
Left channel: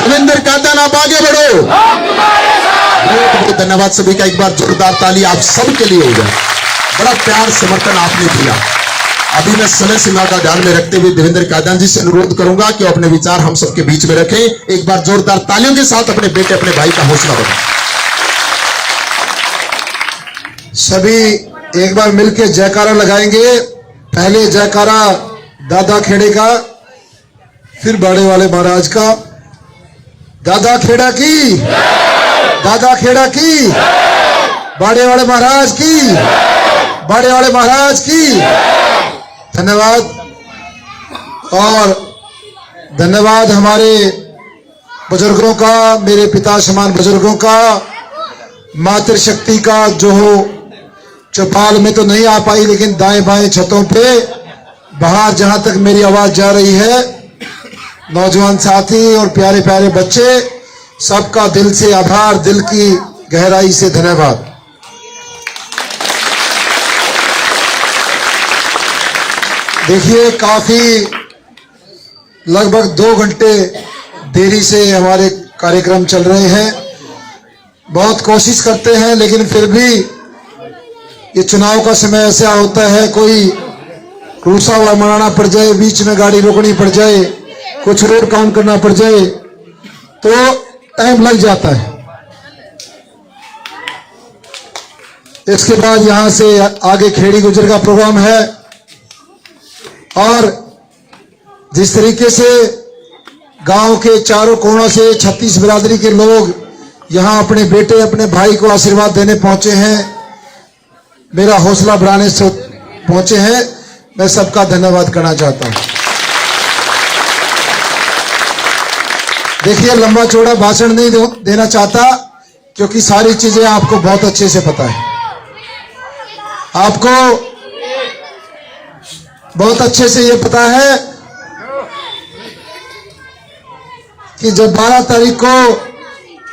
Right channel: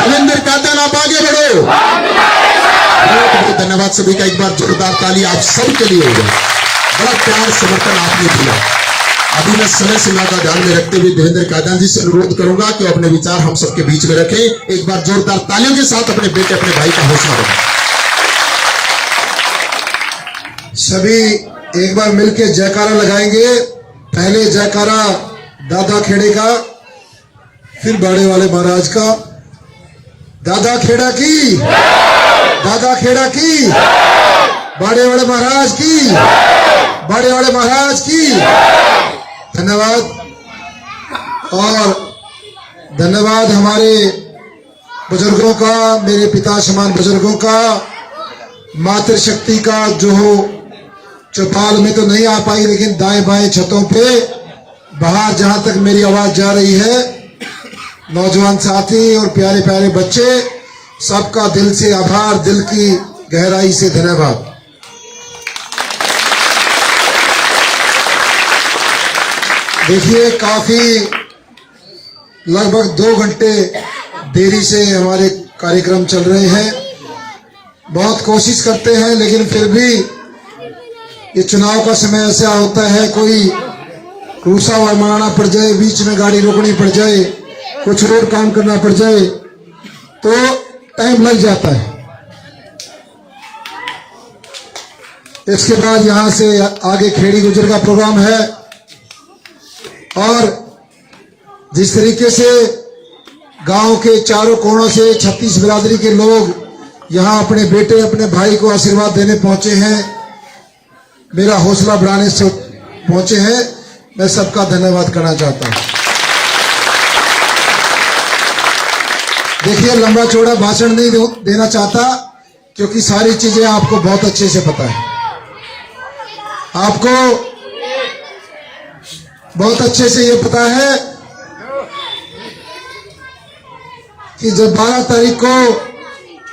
देवेंद्र कादयान आप आगे बढ़ो। बहुत बहुत धन्यवाद सभी का, एक बार जोरदार ताली आप सबके लिए होगा। बड़ा प्यार समर्थन आपने दिया। अभी मैं समय सीमा का ध्यान में रखते हुए देवेंद्र कादयान जी से अनुरोध करूंगा कि अपने विचार हम सबके बीच में रखें। एक बार जोरदार तालियों के साथ अपने बेटे अपने भाई का हौसला बढ़ाएं। सभी एक बार मिलकर जयकारा लगाएंगे। पहले जयकारा दादा खेड़े का, फिर बाड़े वाले महाराज का। दादा खेड़ा की, दादा खेड़ा की, बाड़े वाले महाराज की, बाड़े वाले महाराज की। धन्यवाद। और धन्यवाद हमारे बुजुर्गों का, मेरे पिता समान बुजुर्गों का, मातृशक्ति का, जो चौपाल में तो नहीं आ पाई लेकिन दाएं बाएं छतों पे बाहर जहां तक मेरी आवाज जा रही है, नौजवान साथी और प्यारे प्यारे बच्चे, सबका दिल से आभार, दिल की गहराई से धन्यवाद। देखिए काफी लगभग 2 घंटे देरी से हमारे कार्यक्रम चल रहे हैं। बहुत कोशिश करते हैं लेकिन फिर भी ये चुनाव का समय ऐसा होता है, कोई रूसा हुआ मनाना पड़ जाए, बीच में गाड़ी रोकनी पड़ जाए, कुछ रोड काउंट करना पड़ जाए तो टाइम लग जाता है। इसके बाद यहां से आगे खेड़ी गुजर का प्रोग्राम है और जिस तरीके से गांव के चारों कोनों से 36 बिरादरी के लोग यहां अपने बेटे अपने भाई को आशीर्वाद देने पहुंचे हैं, मेरा हौसला बढ़ाने से पहुंचे हैं, मैं सबका धन्यवाद करना चाहता हूं। देखिए लंबा चौड़ा भाषण नहीं देना चाहता क्योंकि सारी चीजें आपको बहुत अच्छे से पता है। आपको बहुत अच्छे से ये पता है कि जब 12 तारीख को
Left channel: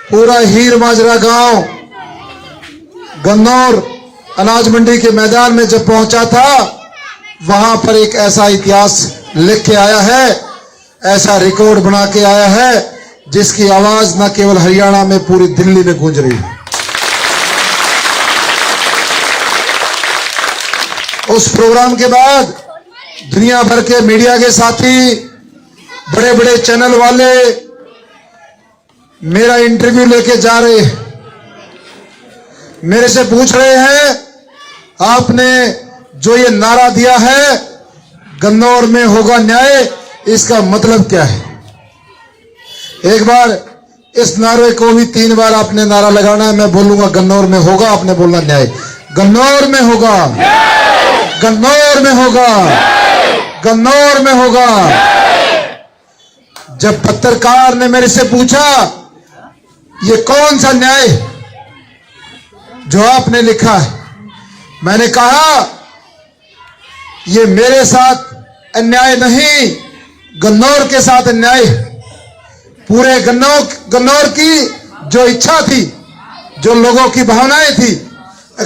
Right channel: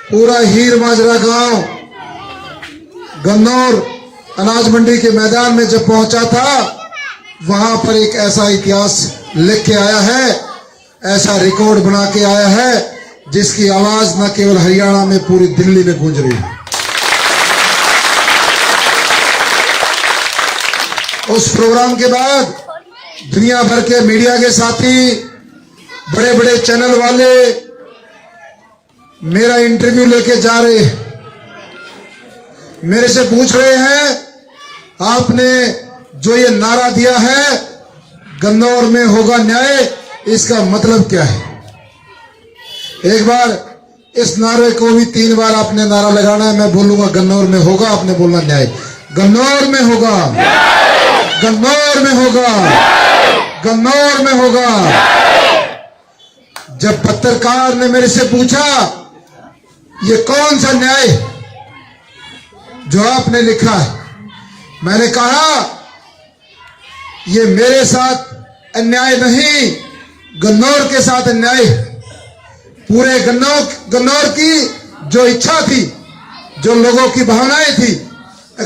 पूरा हीर माजरा गांव गन्नौर अनाज मंडी के मैदान में जब पहुंचा था, वहां पर एक ऐसा इतिहास लिख के आया है, ऐसा रिकॉर्ड बना के आया है जिसकी आवाज न केवल हरियाणा में पूरी दिल्ली में गूंज रही है। उस प्रोग्राम के बाद दुनिया भर के मीडिया के साथी, बड़े बड़े चैनल वाले मेरा इंटरव्यू लेके जा रहे हैं, मेरे से पूछ रहे हैं आपने जो ये नारा दिया है गन्नौर में होगा न्याय, इसका मतलब क्या है। एक बार इस नारे को भी 3 बार आपने नारा लगाना है। मैं बोलूंगा गन्नौर में होगा, आपने बोलना न्याय। गन्नौर में होगा, गन्नौर में होगा, गन्नौर में होगा। जब पत्रकार ने मेरे से पूछा ये कौन सा न्याय जो आपने लिखा है, मैंने कहा ये मेरे साथ अन्याय नहीं, गन्नौर के साथ अन्याय। पूरे गन्नौर की जो इच्छा थी, जो लोगों की भावनाएं थी,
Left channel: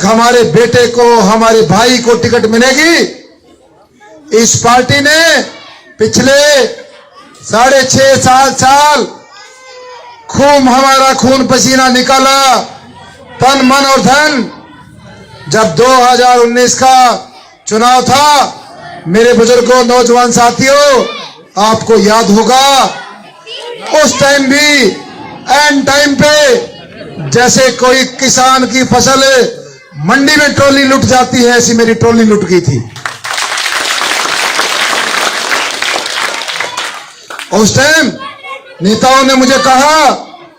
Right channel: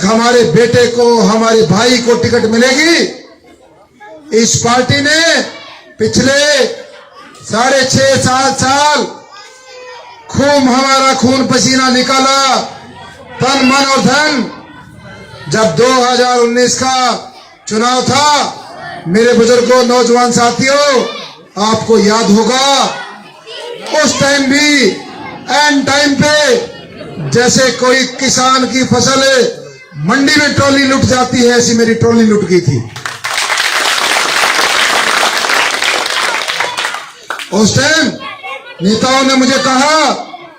हमारे बेटे को, हमारे भाई को टिकट मिलेगी, इस पार्टी ने पिछले 6.5 साल खूब हमारा खून पसीना निकाला, तन मन और धन। जब 2019 का चुनाव था, मेरे बुजुर्गों, नौजवान साथियों, आपको याद होगा उस टाइम भी एंड टाइम पे जैसे कोई किसान की फसल मंडी में ट्रॉली लुट जाती है, ऐसी मेरी ट्रॉली लुट गई थी। उस टाइम नेताओं ने मुझे कहा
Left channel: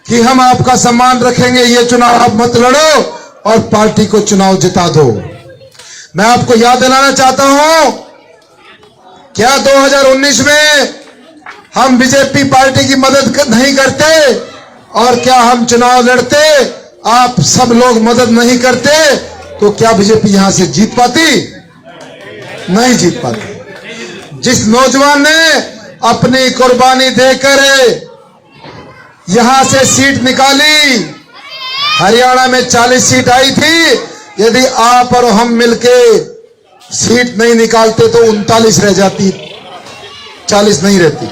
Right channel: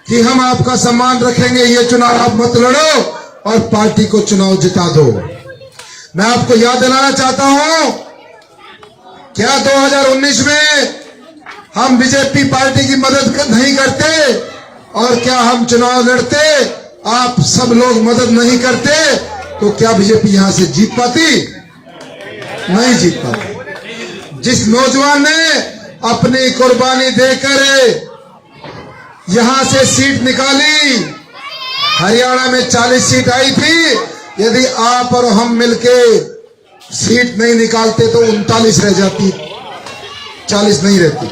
कि हम आपका सम्मान रखेंगे, ये चुनाव आप मत लड़ो और पार्टी को चुनाव जिता दो। मैं आपको याद दिलाना चाहता हूं, क्या 2019 में हम बीजेपी पार्टी की मदद नहीं करते, और क्या हम चुनाव लड़ते, आप सब लोग मदद नहीं करते, तो क्या बीजेपी यहां से जीत पाती? नहीं जीत पाती। जिस नौजवान ने अपनी कुर्बानी देकर यहां से सीट निकाली, हरियाणा में 40 सीट आई थी, यदि आप और हम मिलके सीट नहीं निकालते तो 39 रह जाती। 40 नहीं रहती।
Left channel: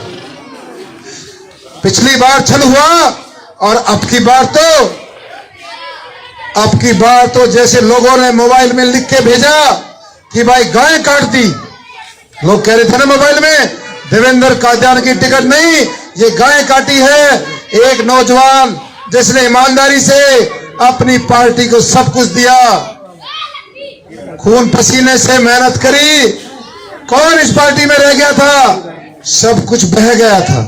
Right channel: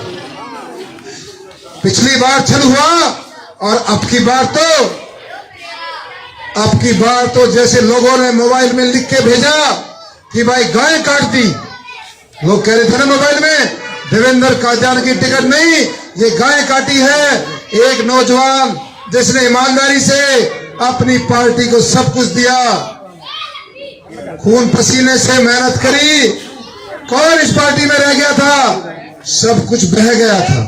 पिछली बार छल हुआ और अब की बार तो जैसे लोगों ने मोबाइल में लिख के भेजा कि भाई गाय काट दी। लोग कह रहे थे ना मोबाइल में, देवेंद्र कादियान की टिकट नहीं, ये गाय काटी है। एक नौजवान जिसने ईमानदारी से अपनी पार्टी को सब कुछ दिया, खून पसीने से मेहनत करी। कौन इस पार्टी में रह गया था? सब कुछ बह गया था,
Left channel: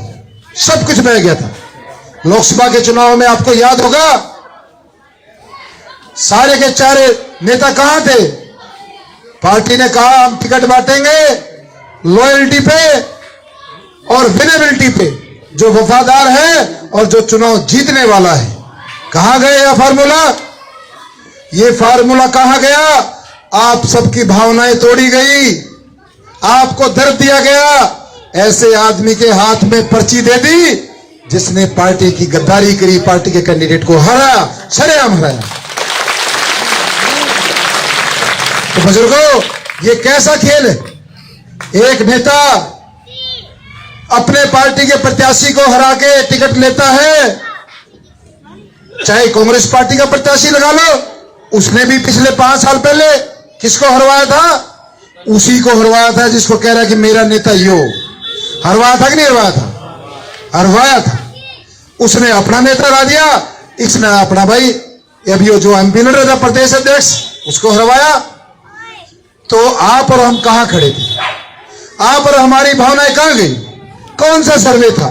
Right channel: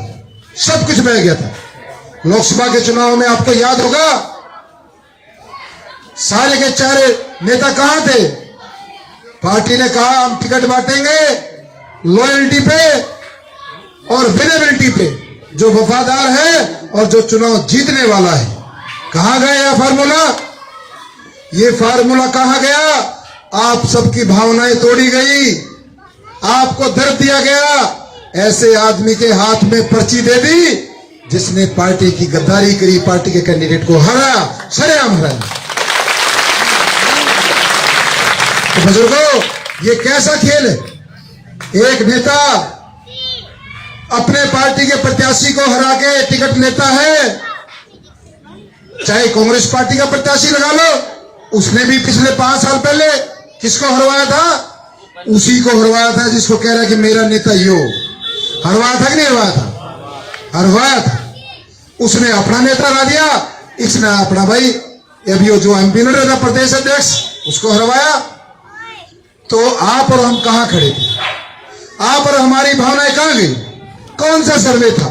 सब कुछ बह गया था। लोकसभा के चुनाव में आपको याद होगा, सारे के चारे नेता कहां थे? पार्टी ने कहा हम टिकट बांटेंगे लॉयल्टी पे और विनेबिलिटी पे, जो वफादार है और जो चुनाव जीतने वाला है। कहां गए यह फार्मूला? ये फार्मूला कहां गया? आप सबकी भावनाएं तोड़ी गई, आपको दर्द दिया गया। ऐसे आदमी के हाथ में पर्ची दे दी जिसने पार्टी की गद्दारी करी, पार्टी के कैंडिडेट को हराया, सरेआम हराया। तो बुजुर्गों, ये कैसा खेल है? एक नेता अपने पार्टी के प्रत्याशी को हरा के टिकट लेता है, चाहे कांग्रेस पार्टी का प्रत्याशी लगा लो, उसने भी पिछले 5 साल पहले किसको हरवाया था? उसी को हरवाया था जिसको कह रहा है कि मेरा नेता यो। हरवाया था कि नहीं हरवाया था? हरवाया था। उसने अपना नेता हरा दिया, इसने अपना भाई अभी जो एमपी लड़ था प्रदेश अध्यक्ष, उसको हरवाया। तो आप और हम कहां खड़े थे? आप और हमारी भावनाएं कहां गई? कौन सा सर्वे था?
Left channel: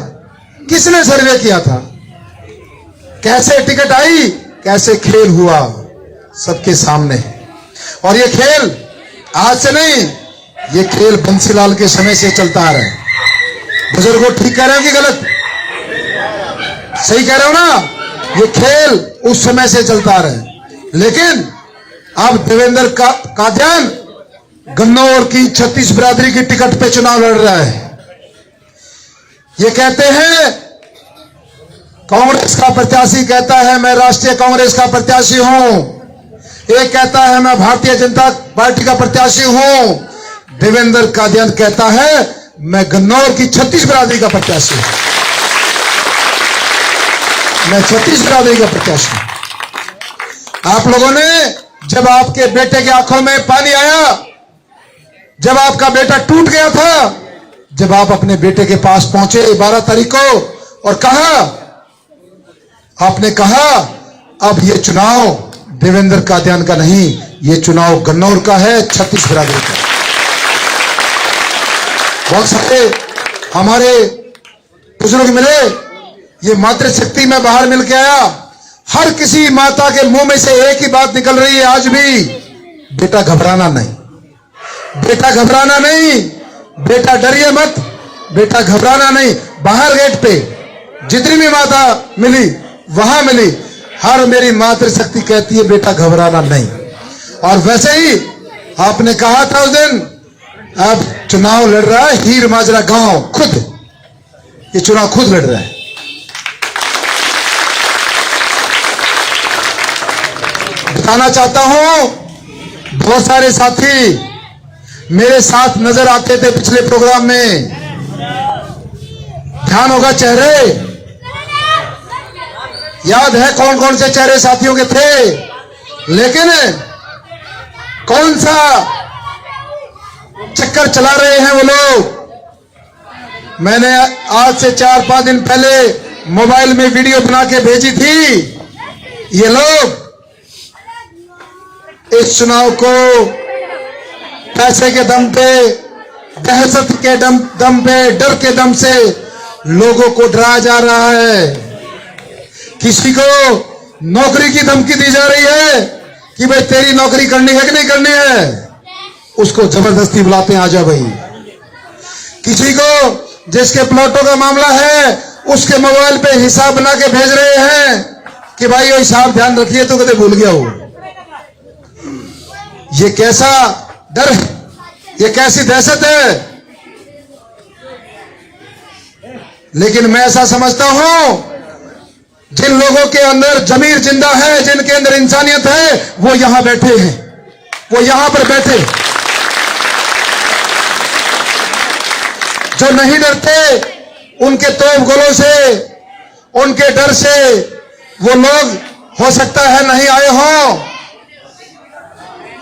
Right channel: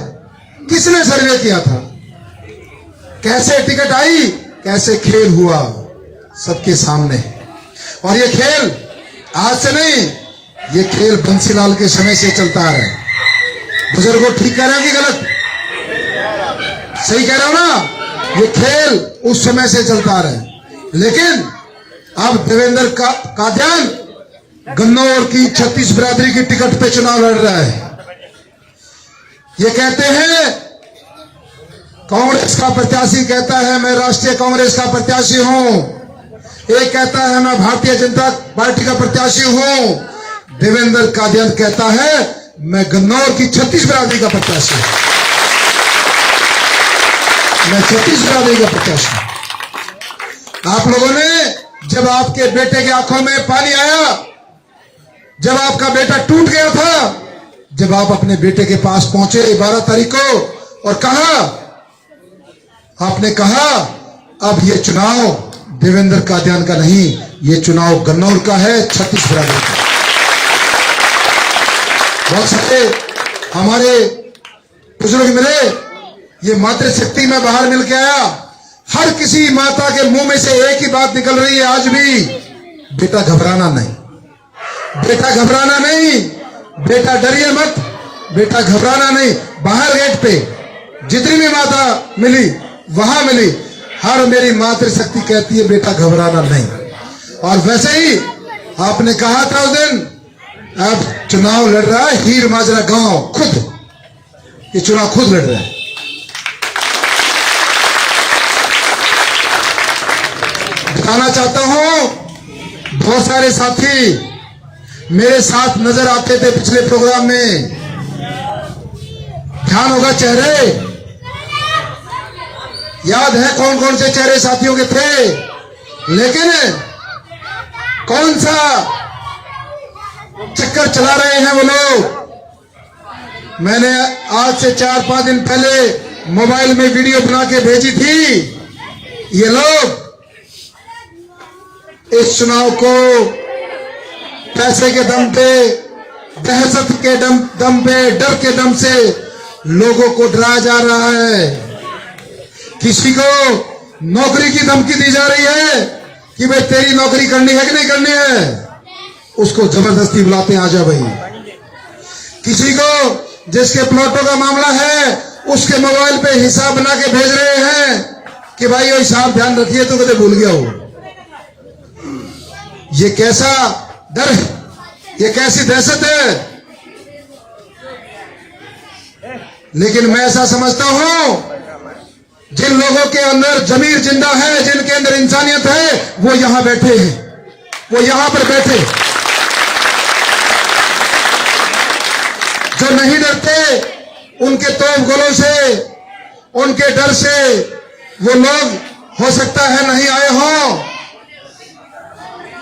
किसने सर्वे किया था? कैसे टिकट आई? कैसे खेल हुआ? सबके सामने। और ये खेल आज से नहीं, ये खेल बंसीलाल के समय से चलता आ रहा है। बुजुर्गों, ठीक कह रहे हो कि गलत? सही कह रहे हो ना? ये खेल उस समय से चलता आ रहा है। लेकिन अब देवेंद्र कादियान गन्नौर की 36 बिरादरी की टिकट पे चुनाव लड़ रहा है। ये कहते हैं, कांग्रेस का प्रत्याशी कहता है मैं राष्ट्रीय कांग्रेस का प्रत्याशी हूं, एक कहता है मैं भारतीय जनता पार्टी का प्रत्याशी हूं। देवेंद्र कादियान कहता है मैं गन्नौर की 36 बिरादरी का प्रत्याशी हूं, मैं 36 बिरादरी का प्रत्याशी हूं। आप लोगों ने, जब आपके बेटे की आंखों में पानी आया, जब आपका बेटा टूट गया था, जब आप अपने बेटे के पास पहुंचे 12 तारीख को और कहा, आपने कहा अब ये चुनाव देवेंद्र कादियान का नहीं, ये चुनाव गन्नौर का है, 36 बिरादरी का। बहुत सारे हमारे बुजुर्ग मिले, ये मातृशक्ति में बाहर मिल के आया। हर किसी माता के मुंह में से एक ही बात निकल रही है आज भी, बेटा घबराना नहीं, बेटा घबराना नहीं, बेटा डरिए मत, बेटा घबराना नहीं। बाहर गेट पे जितनी भी माता मिली वहां मिली, हर मेरी मातृशक्ति कहती है बेटा घबराना नहीं। और वैसे ही आपने कहा था उस दिन, अब चुनाव लड़ रहा है हीर माजरा गांव, खुद ये चुनाव खुद लड़ रहा है। बताना चाहता हूं, बहुत सारे साथी मेरे साथ नजर आते थे पिछले प्रोग्राम में, ध्यान होगा चेहरे, याद है कौन कौन से चेहरे साथियों के थे। लेकिन कौन सा चक्कर चला रहे हैं वो लोग? मैंने आज से 4-5 दिन पहले मोबाइल में वीडियो बना के भेजी थी। ये लोग इस चुनाव को पैसे के दम पे, दहशत के दम पे, डर के दम से लोगों को डराया जा रहा है। किसी को नौकरी की धमकी दी जा रही है कि भाई तेरी नौकरी करनी है कि नहीं करनी है, उसको जबरदस्ती बुलाते हैं, आजा भाई। किसी को जिसके प्लॉटों का मामला है, उसके मोबाइल पे हिसाब बना के भेज रहे हैं कि भाई वो हिसाब ध्यान रखिए, तो कदे भूल गया हो। ये कैसा डर है, ये कैसी दहशत है। लेकिन मैं ऐसा समझता हूं, जिन लोगों के अंदर जमीर जिंदा है, जिनके अंदर इंसानियत है, वो यहां बैठे हैं, वो यहां पर बैठे। जो नहीं डरते, उनके तोप गोलों से, उनके डर से वो लोग हो सकता है नहीं आए हों।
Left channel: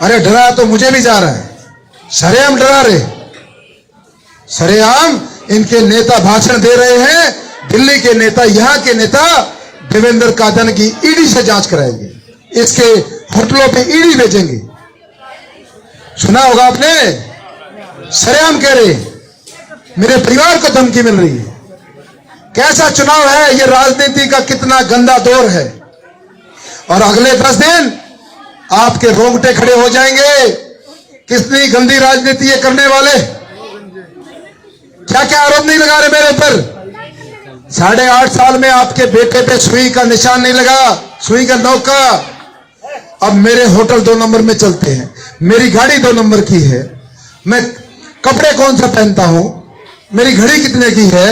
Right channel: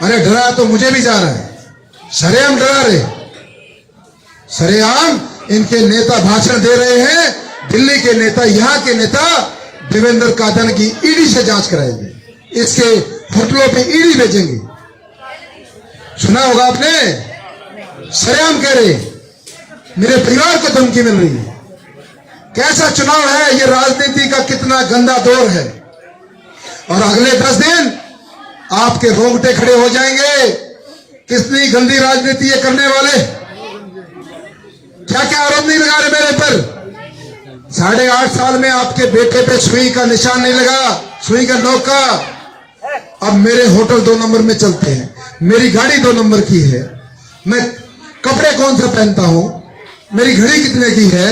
अरे डरा तो मुझे भी जा रहा है, सरेआम डरा रहे, सरेआम इनके नेता भाषण दे रहे हैं। दिल्ली के नेता, यहां के नेता देवेंद्र कादन की ईडी से जांच कराएंगे, इसके होटलों पे ईडी भेजेंगे। सुना होगा आपने, सरेआम कह रहे मेरे परिवार को धमकी मिल रही है। कैसा चुनाव है ये, राजनीति का कितना गंदा दौर है। और अगले 10 दिन आपके रोंगटे खड़े हो जाएंगे। कितनी गंदी राजनीति ये करने वाले, क्या क्या आरोप नहीं लगा रहे मेरे पर। 8.5 साल में आपके बेटे पे सुई का निशान नहीं लगा, सुई का नोक का। अब मेरे होटल 2 नंबर में चलते हैं, मेरी गाड़ी 2 नंबर की है, मैं कपड़े कौन सा पहनता हूं, मेरी घड़ी कितने की है,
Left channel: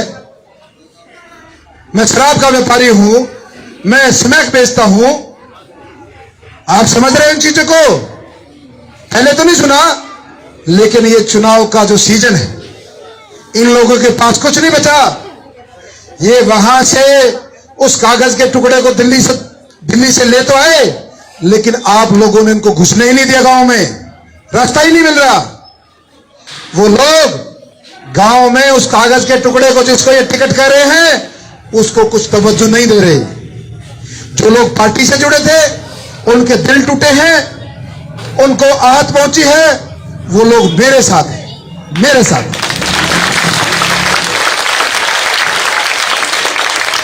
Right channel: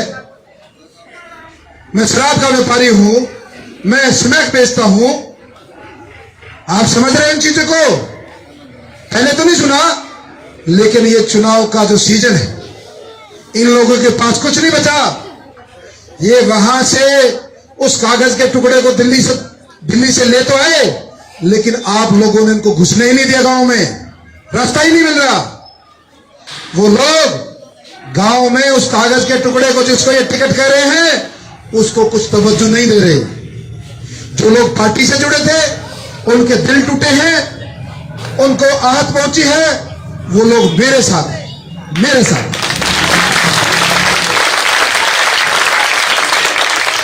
मैं शराब का व्यापारी हूं, मैं स्नैक बेचता हूं। आप समझ रहे हैं इन चीजों को? पहले तो नहीं सुना, लेकिन ये चुनाव का जो सीजन है, इन लोगों के पास कुछ नहीं बचा। ये वहां से उस कागज के टुकड़े को दिल्ली से ले तो आए, लेकिन आप लोगों ने इनको घुसने ही नहीं दिया। गांव में रास्ता ही नहीं मिल रहा। वो लोग गांव में उस कागज के टुकड़े को, जिसको ये टिकट कह रहे हैं, उसको कुछ तवज्जो नहीं दे रहे। जो लोग पार्टी से जुड़े थे, उनके दिल टूटे हैं, उनको आहत पहुंची है, वो लोग मेरे साथ हैं, मेरे साथ।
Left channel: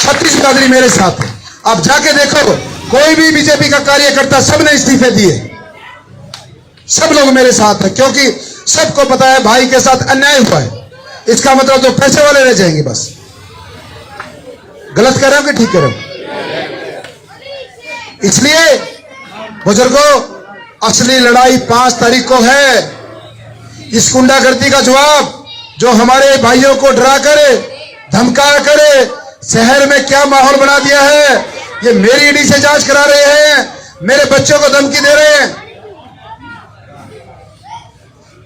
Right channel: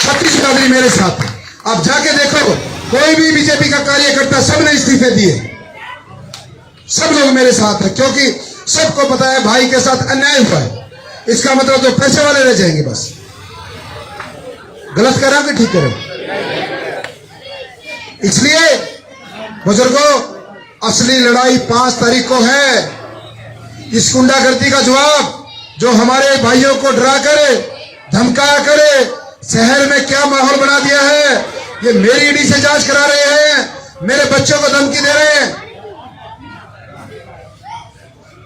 छत्तीसगढ़ी मेरे साथ है। आप जाके देखो, कोई भी बीजेपी का कार्यकर्ता, सबने इस्तीफे दिए, सब लोग मेरे साथ है, क्योंकि सबको पता है भाई के साथ अन्याय हुआ है। इसका मतलब जो पैसे वाले रह जाएंगे बस। गलत कर रहे हो कि ठीक कर रहे हो? इसलिए बुजुर्गों, असली लड़ाई 5 तारीख को है। इस गुंडागर्दी का जवाब, जो हमारे भाइयों को डरा कर, धमका कर शहर में क्या माहौल बना दिया है, ये मेरी ईडी से जांच करा रहे हैं, मेरे बच्चों को धमकी दे रहे हैं।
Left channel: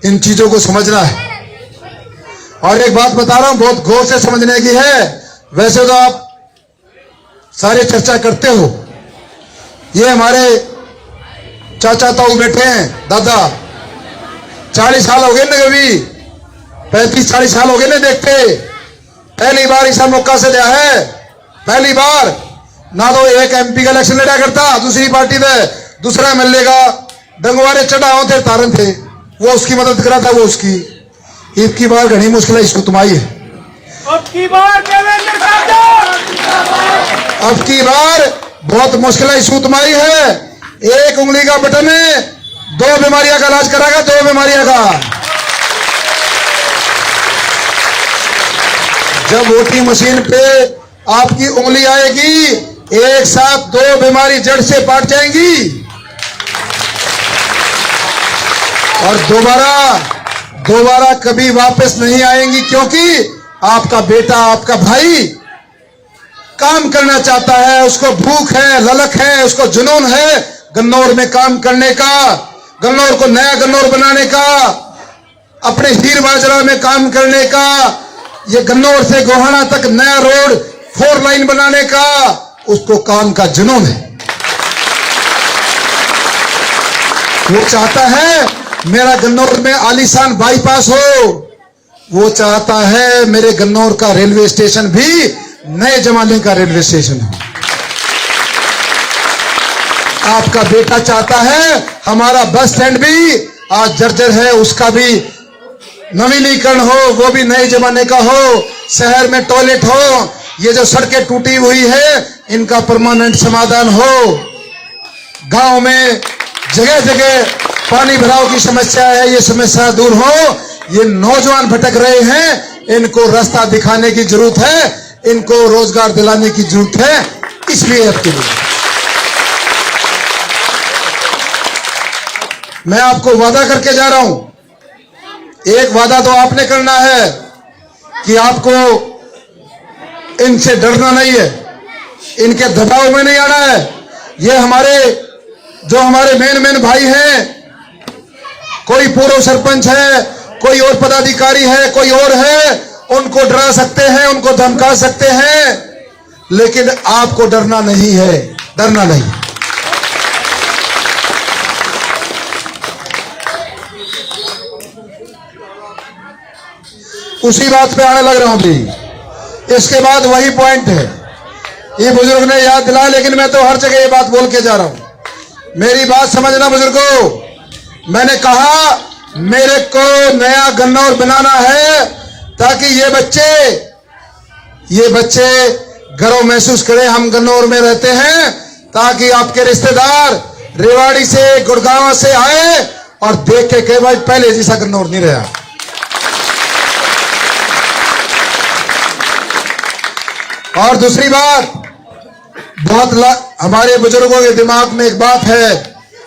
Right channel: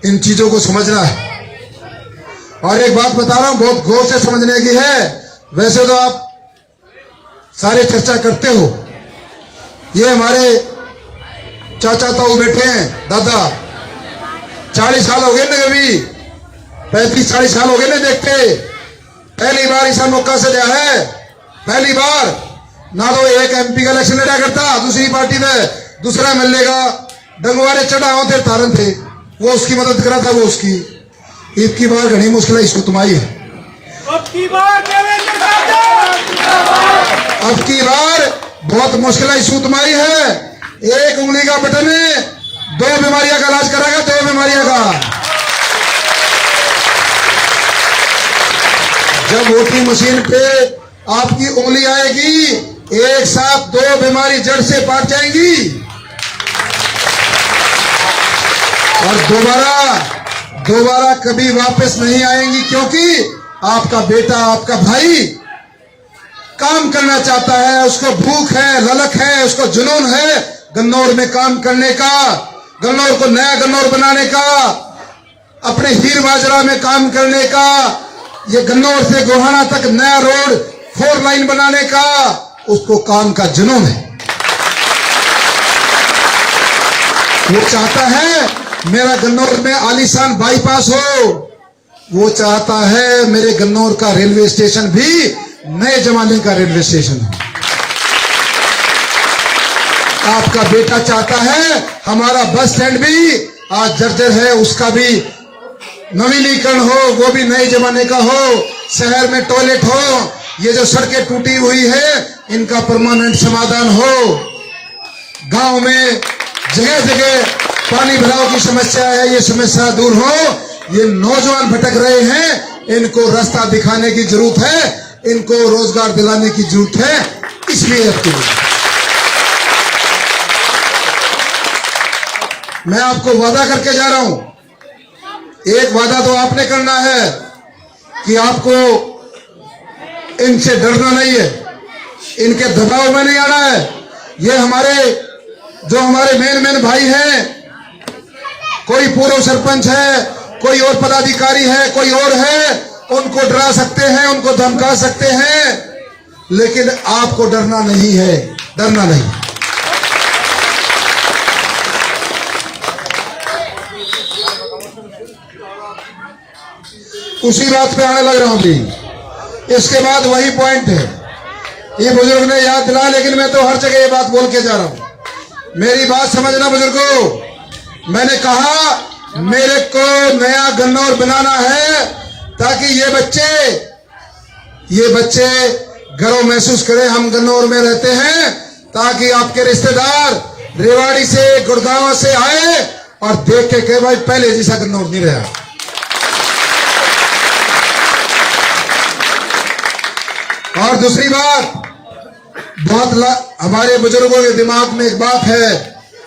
इन चीजों को समझना है। और एक बात बता रहा हूं, बहुत गौर से समझने की है। वैसे तो आप सारे चर्चा करते हो, ये हमारे चाचा ताऊ बैठे हैं, दादा 40 साल हो गए ना, कभी 35-40 साल हो गए ना देखते। पहली बार ऐसा मौका से दिया है, पहली बार। ना तो एक MP का इलेक्शन लड़ा करता दूसरी पार्टी में, दूसरा MLA का डंगवारे चढ़ाओ थे, तारन थे, वो उसकी मदद करा था, वो उसकी। एक की बार घनी मुश्किल इशू तुम्हारी है। अब की बार बहुत मुश्किल इशू तुम्हारी है। एक उंगली का बटन है, 2 बीमारियां का इलाज कराएगा, 2 बीमारियां का। जब वोटिंग मशीन पे आपकी उंगली आएगी, एक साथ 2 बीमारी जड़ से पाट जाएंगी। और दोबारा कभी वापस नहीं आएंगी, क्योंकि आपका बेटा, आपका भाई काम करना चाहता है, उसको भूख है, ललक है, उसको जुनून है गन्नौर में काम करने का, गन्नौर को नया गन्नौर बनाने का, अपने हीर बाजरा में काम करने का, ये गन्नौर से गोहाना तक नया रोड 4 लाइन बनाने का, उसको काम का जुनून है। वो चाहता है मेरा गन्नौर में आलीशान बाईपास हो, वो चाहता है मेरे गन्नौर का रेलवे स्टेशन भी नए जमाने का रेलवे स्टेशन हो। आपका बेटा चाहता है हमारा बस स्टैंड भी आज जर्जर है, उसका भी नवीनीकरण हो, वो भी नए जमाने का हो, शहर में टॉयलेट हो, ये जो सड़कें टूटी हुई है इनका परमानेंट समाधान हो, गांव में जगह जगह पानी भराव की समस्या है, ये समस्या दूर हो। ये नौजवान भटक रहे हैं, इनको रास्ता दिखाने की जरूरत है, इनको रोजगार दिलाने की जरूरत है। इसलिए आपके लिए मैं आपको वादा करके जा रहा हूं। एक वादा तो आपने करना है कि आपको इनसे डरना नहीं है, इनके दबाव में नहीं आना है। ये हमारे मेन भाई हैं, कोई पूर्व सरपंच है, कोई और पदाधिकारी है, कोई और है, उनको डरा सकते हैं, उनको धमका सकते हैं, लेकिन आपको डरना नहीं है, डरना नहीं। उसी बात पे आने लग रहा हूं भी। इसके बाद वही पॉइंट है, ये बुजुर्ग ने याद दिलाया, लेकिन मैं तो हर जगह ये बात बोल के जा रहा हूं। मेरी बात समझना बुजुर्गों, मैंने कहा मेरे को नया गन्नौर बनाना है ताकि ये बच्चे गर्व महसूस करें हम गन्नौर में रहते हैं, ताकि आपके रिश्तेदार रेवाड़ी से, गुड़गांव से आए और देख के कहे भाई पहले जैसा गन्नौर नहीं रहा। और दूसरी बात, हमारे बुजुर्गों के दिमाग में एक बात है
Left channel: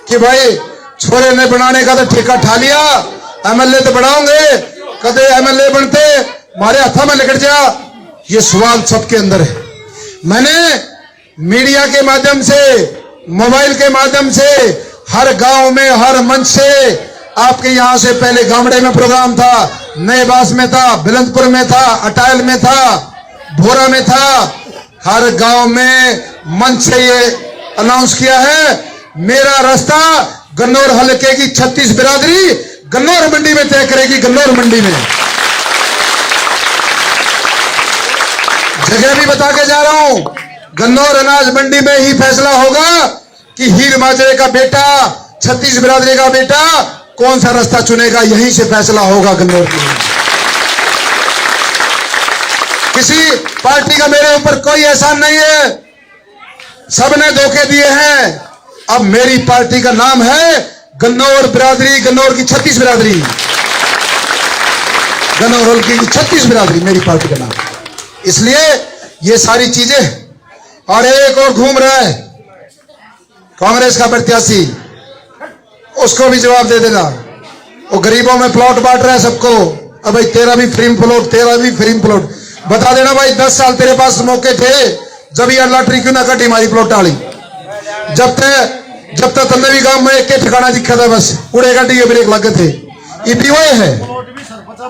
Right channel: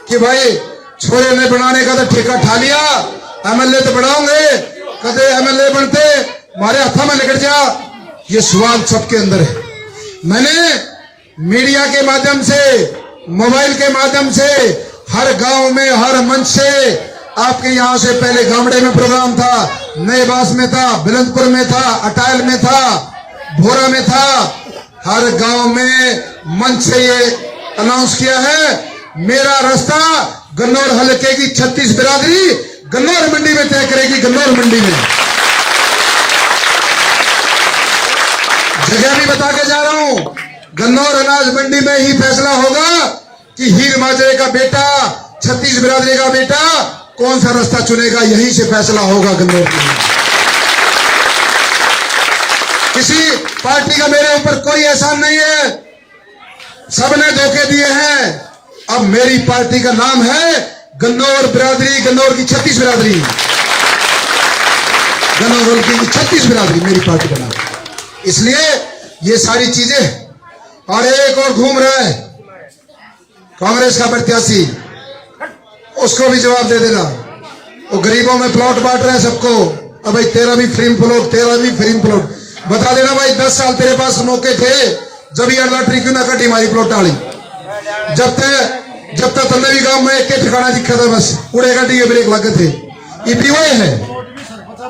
कि भाई छोरे ने बनाने का तो ठेका ठा लिया, एमएलए तो बढ़ाओगे, कदे एमएलए बनते हमारे हाथों में निकल जा। ये सवाल सबके अंदर है। मैंने मीडिया के माध्यम से, मोबाइल के माध्यम से, हर गांव में, हर मंच से, आपके यहां से पहले गामड़े में प्रोग्राम था, नए बास में था, बिलंदपुर में था, अटायल में था, भोरा में था, हर गांव में मंच से ये अनाउंस किया है मेरा रास्ता गन्नौर हलके की 36 बिरादरी गन्नौर मंडी में तय करेगी। गन्नौर मंडी में जगह भी बता के जा रहा हूं, गन्नौर अनाज मंडी में ही फैसला होगा कि हीर माजरे का बेटा, 36 बिरादरी का बेटा कौन सा रास्ता चुनेगा, यहीं से फैसला होगा गन्नौर में। किसी पार्टी का मेरे ऊपर कोई एहसान नहीं है, सबने धोखे दिए हैं। अब मेरी पार्टी का नाम है गन्नौर बिरादरी, गन्नौर की 36 बिरादरी, गन्नौर हल्के की 36 बिरादरी मेरी पार्टी का नाम। इसलिए ये सारी चीजें। और एक और घूम रहा है कांग्रेस का प्रत्याशी, उसको भी जवाब दे देना। वो गरीबों में प्लॉट बांट रहा है सबको। अब भाई तेरा भी फ्री प्लॉट, तेरा भी फ्री प्लॉट, बता देना भाई 10 साल तेरे पास मौके थे, जब यार लॉटरी क्यों ना कटी हमारी प्लॉट डाली। जब तक तंदवी गांव में एक ठिकाना दिखा था, बस उड़े गाड़ी के ब्रेक लगे थे। ये वही है।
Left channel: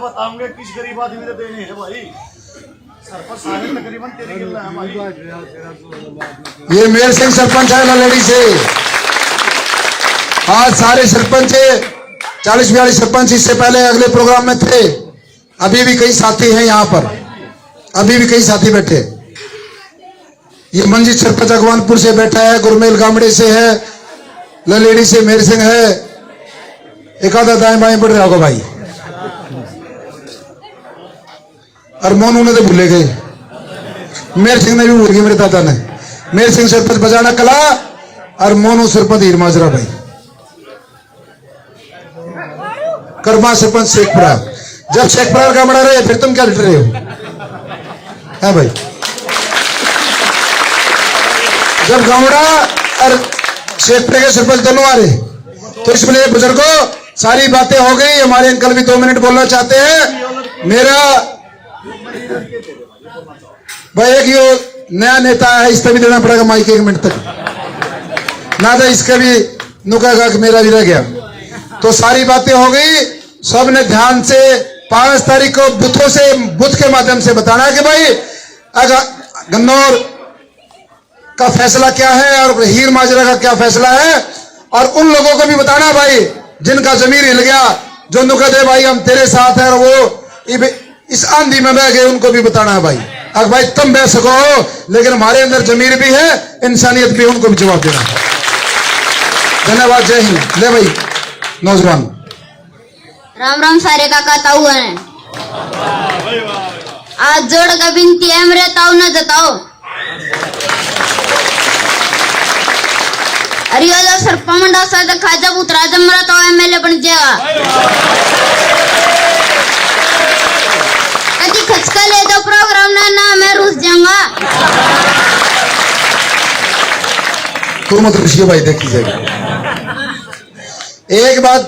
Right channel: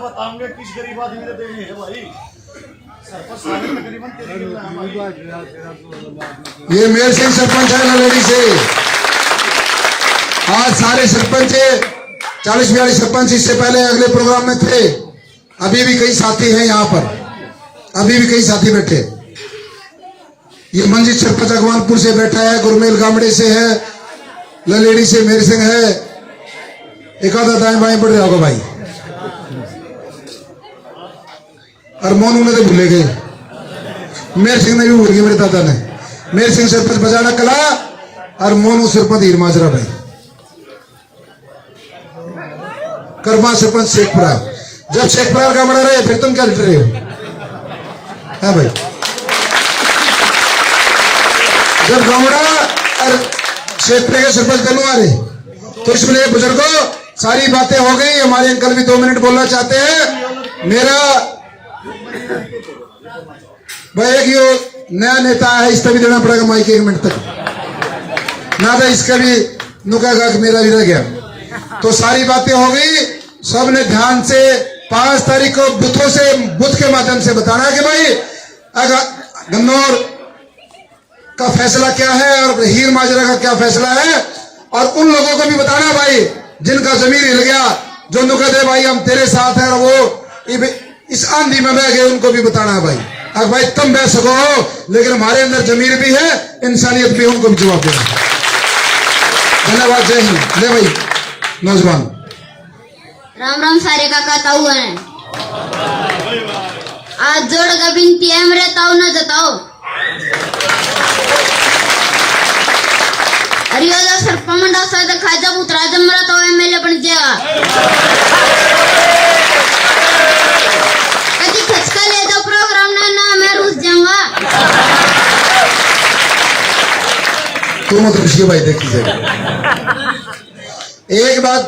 बताऊंगे किस गरीब आदमी ने देनी है भाई, सरपंच सारे तकरीबन तेरी गिल्ला है हमारी। ये मेर सिंह सरपंच है ललेड़ी से। आज सारे सरपंच 40-42 सरपंच इससे पहले अगले प्रोग्राम में थे। अभी भी कई साथी हैं यहाँ पर, अभी भी कई साथी बैठे। ये मंजीत सरपंच अगवानपुर से बैठा है, गुरमेल गामड़े से है, ललेड़ी से मेर सिंह है, एक आधा दाएं बाएं पड़ रहा होगा भाई। और मोनू ने तो भूले गए, मेर सिंह ने भी भूल गए, मेरे दादा ने। मेर सिंह सरपंच बजाना कला और मोनू सरपंच हीर माजरा भाई। कर्मा सरपंच शेखपुरा। जब शेखपुरा गामड़ा रहे फिर तुम क्या लड़ रहे हो है भाई। जब गामड़ा और शेखपुरे के सरपंच दोनों आ रहे, तो इसलिए बुजुर्गों सारी बातें हो गई। हमारे अंकल भी 2 मिनट बोलना चाहते हैं। मेरा भाई एक यो नया नेता है, इसका भी देना पड़ेगा माइक 1 मिनट तक ना, तो इसका भी नुका कि मेरा भी रह गया। तो सारी बातें हो गई, सबने ध्यान से 5 तारीख को बुथ के माध्यम से बताना है कि भाई गन्नौर का फैसला क्या है और हीर माजरा का क्या फैसला है। और उन लोगों को भी बताना भाई जिनका जमीर हिल गया, जो नुका दे भाई हम तेरे साथ हैं और वो इस आंधी में बह गए, उनको भी बताना है भाई। अगर भाई तुम बह सको, लेकिन हमारे अंदर जमीर भी है, इंसानियत भी है, उनको भी जवाब देना। धन्यवाद, जय हिंद। ले भाई नौजवान। राम राम सारे काका ताऊ है। आज जोड़ का बिनती है मेरे ताऊ न जताओ। अरियो जब सरपंच साथ खाजा उतरा जमरा तो एमएलए बन जाएगा। कभी खचका ले दो प्रोग्राम ना मैं रुस जाऊंगा। तू मत रुशिए भाई, देख लीजिएगा। एक बात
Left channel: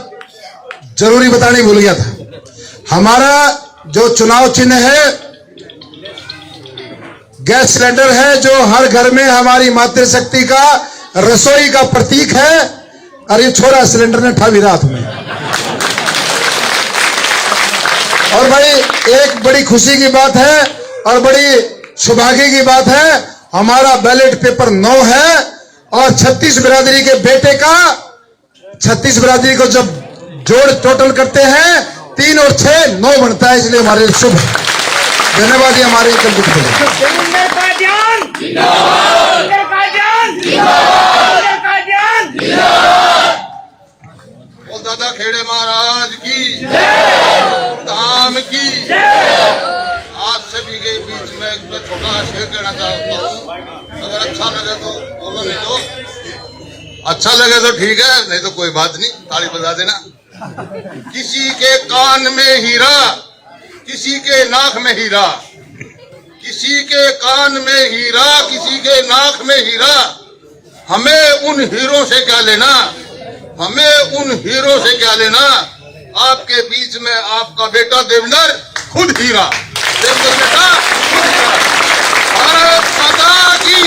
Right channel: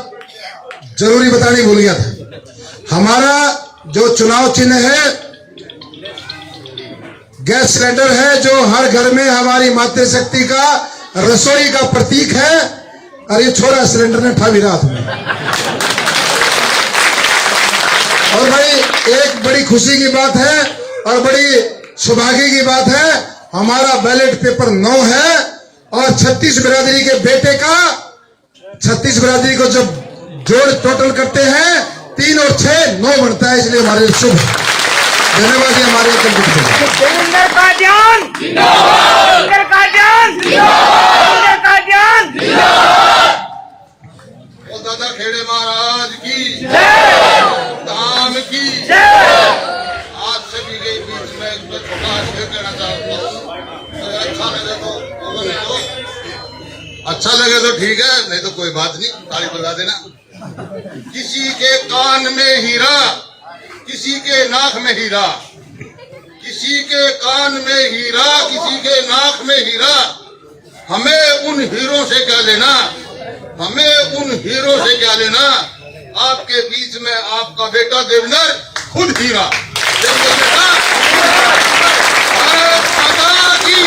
जरूरी बतानी भूल गया था। हमारा जो चुनाव चिन्ह है गैस सिलेंडर है, जो हर घर में हमारी मातृशक्ति का रसोई का प्रतीक है। और ये छोरा सिलेंडर ने ठा भी रात में। और भाई एक बड़ी खुशी की बात है और बड़ी सौभाग्य की बात है, हमारा बैलेट पेपर 9 है और 36 बिरादरी के बेटे का 36 बिरादरी को जब जोड़ टोटल करते हैं 3 और 6 9 बनता है, इसलिए हमारे शुभ धन्यवाद। हमारे देवेंद्र का ध्यान, देवेंद्र का ध्यान, देवेंद्र का ध्यान। और दादा खेड़े महाराज की धाम की। आप सभी के बीच में एक छोटा शेर कहना चाहता हूँ, अगर अच्छा लगे तो बोलो, नहीं तो अच्छा लगे तो ठीक है, नहीं तो कोई बात नहीं, ताली बजा देना। किसी के कान में हीरा, किसी के नाक में हीरा, किसी के कान में हीरा, किसी के नाक में हीरा। हमें उन हीरों से क्या लेना, हमें उन हीरो से क्या लेना। आपके बीच में आपका बेटा देवेंद्र खुद हीरा। देवेंद्र बेटा, भारत माता की।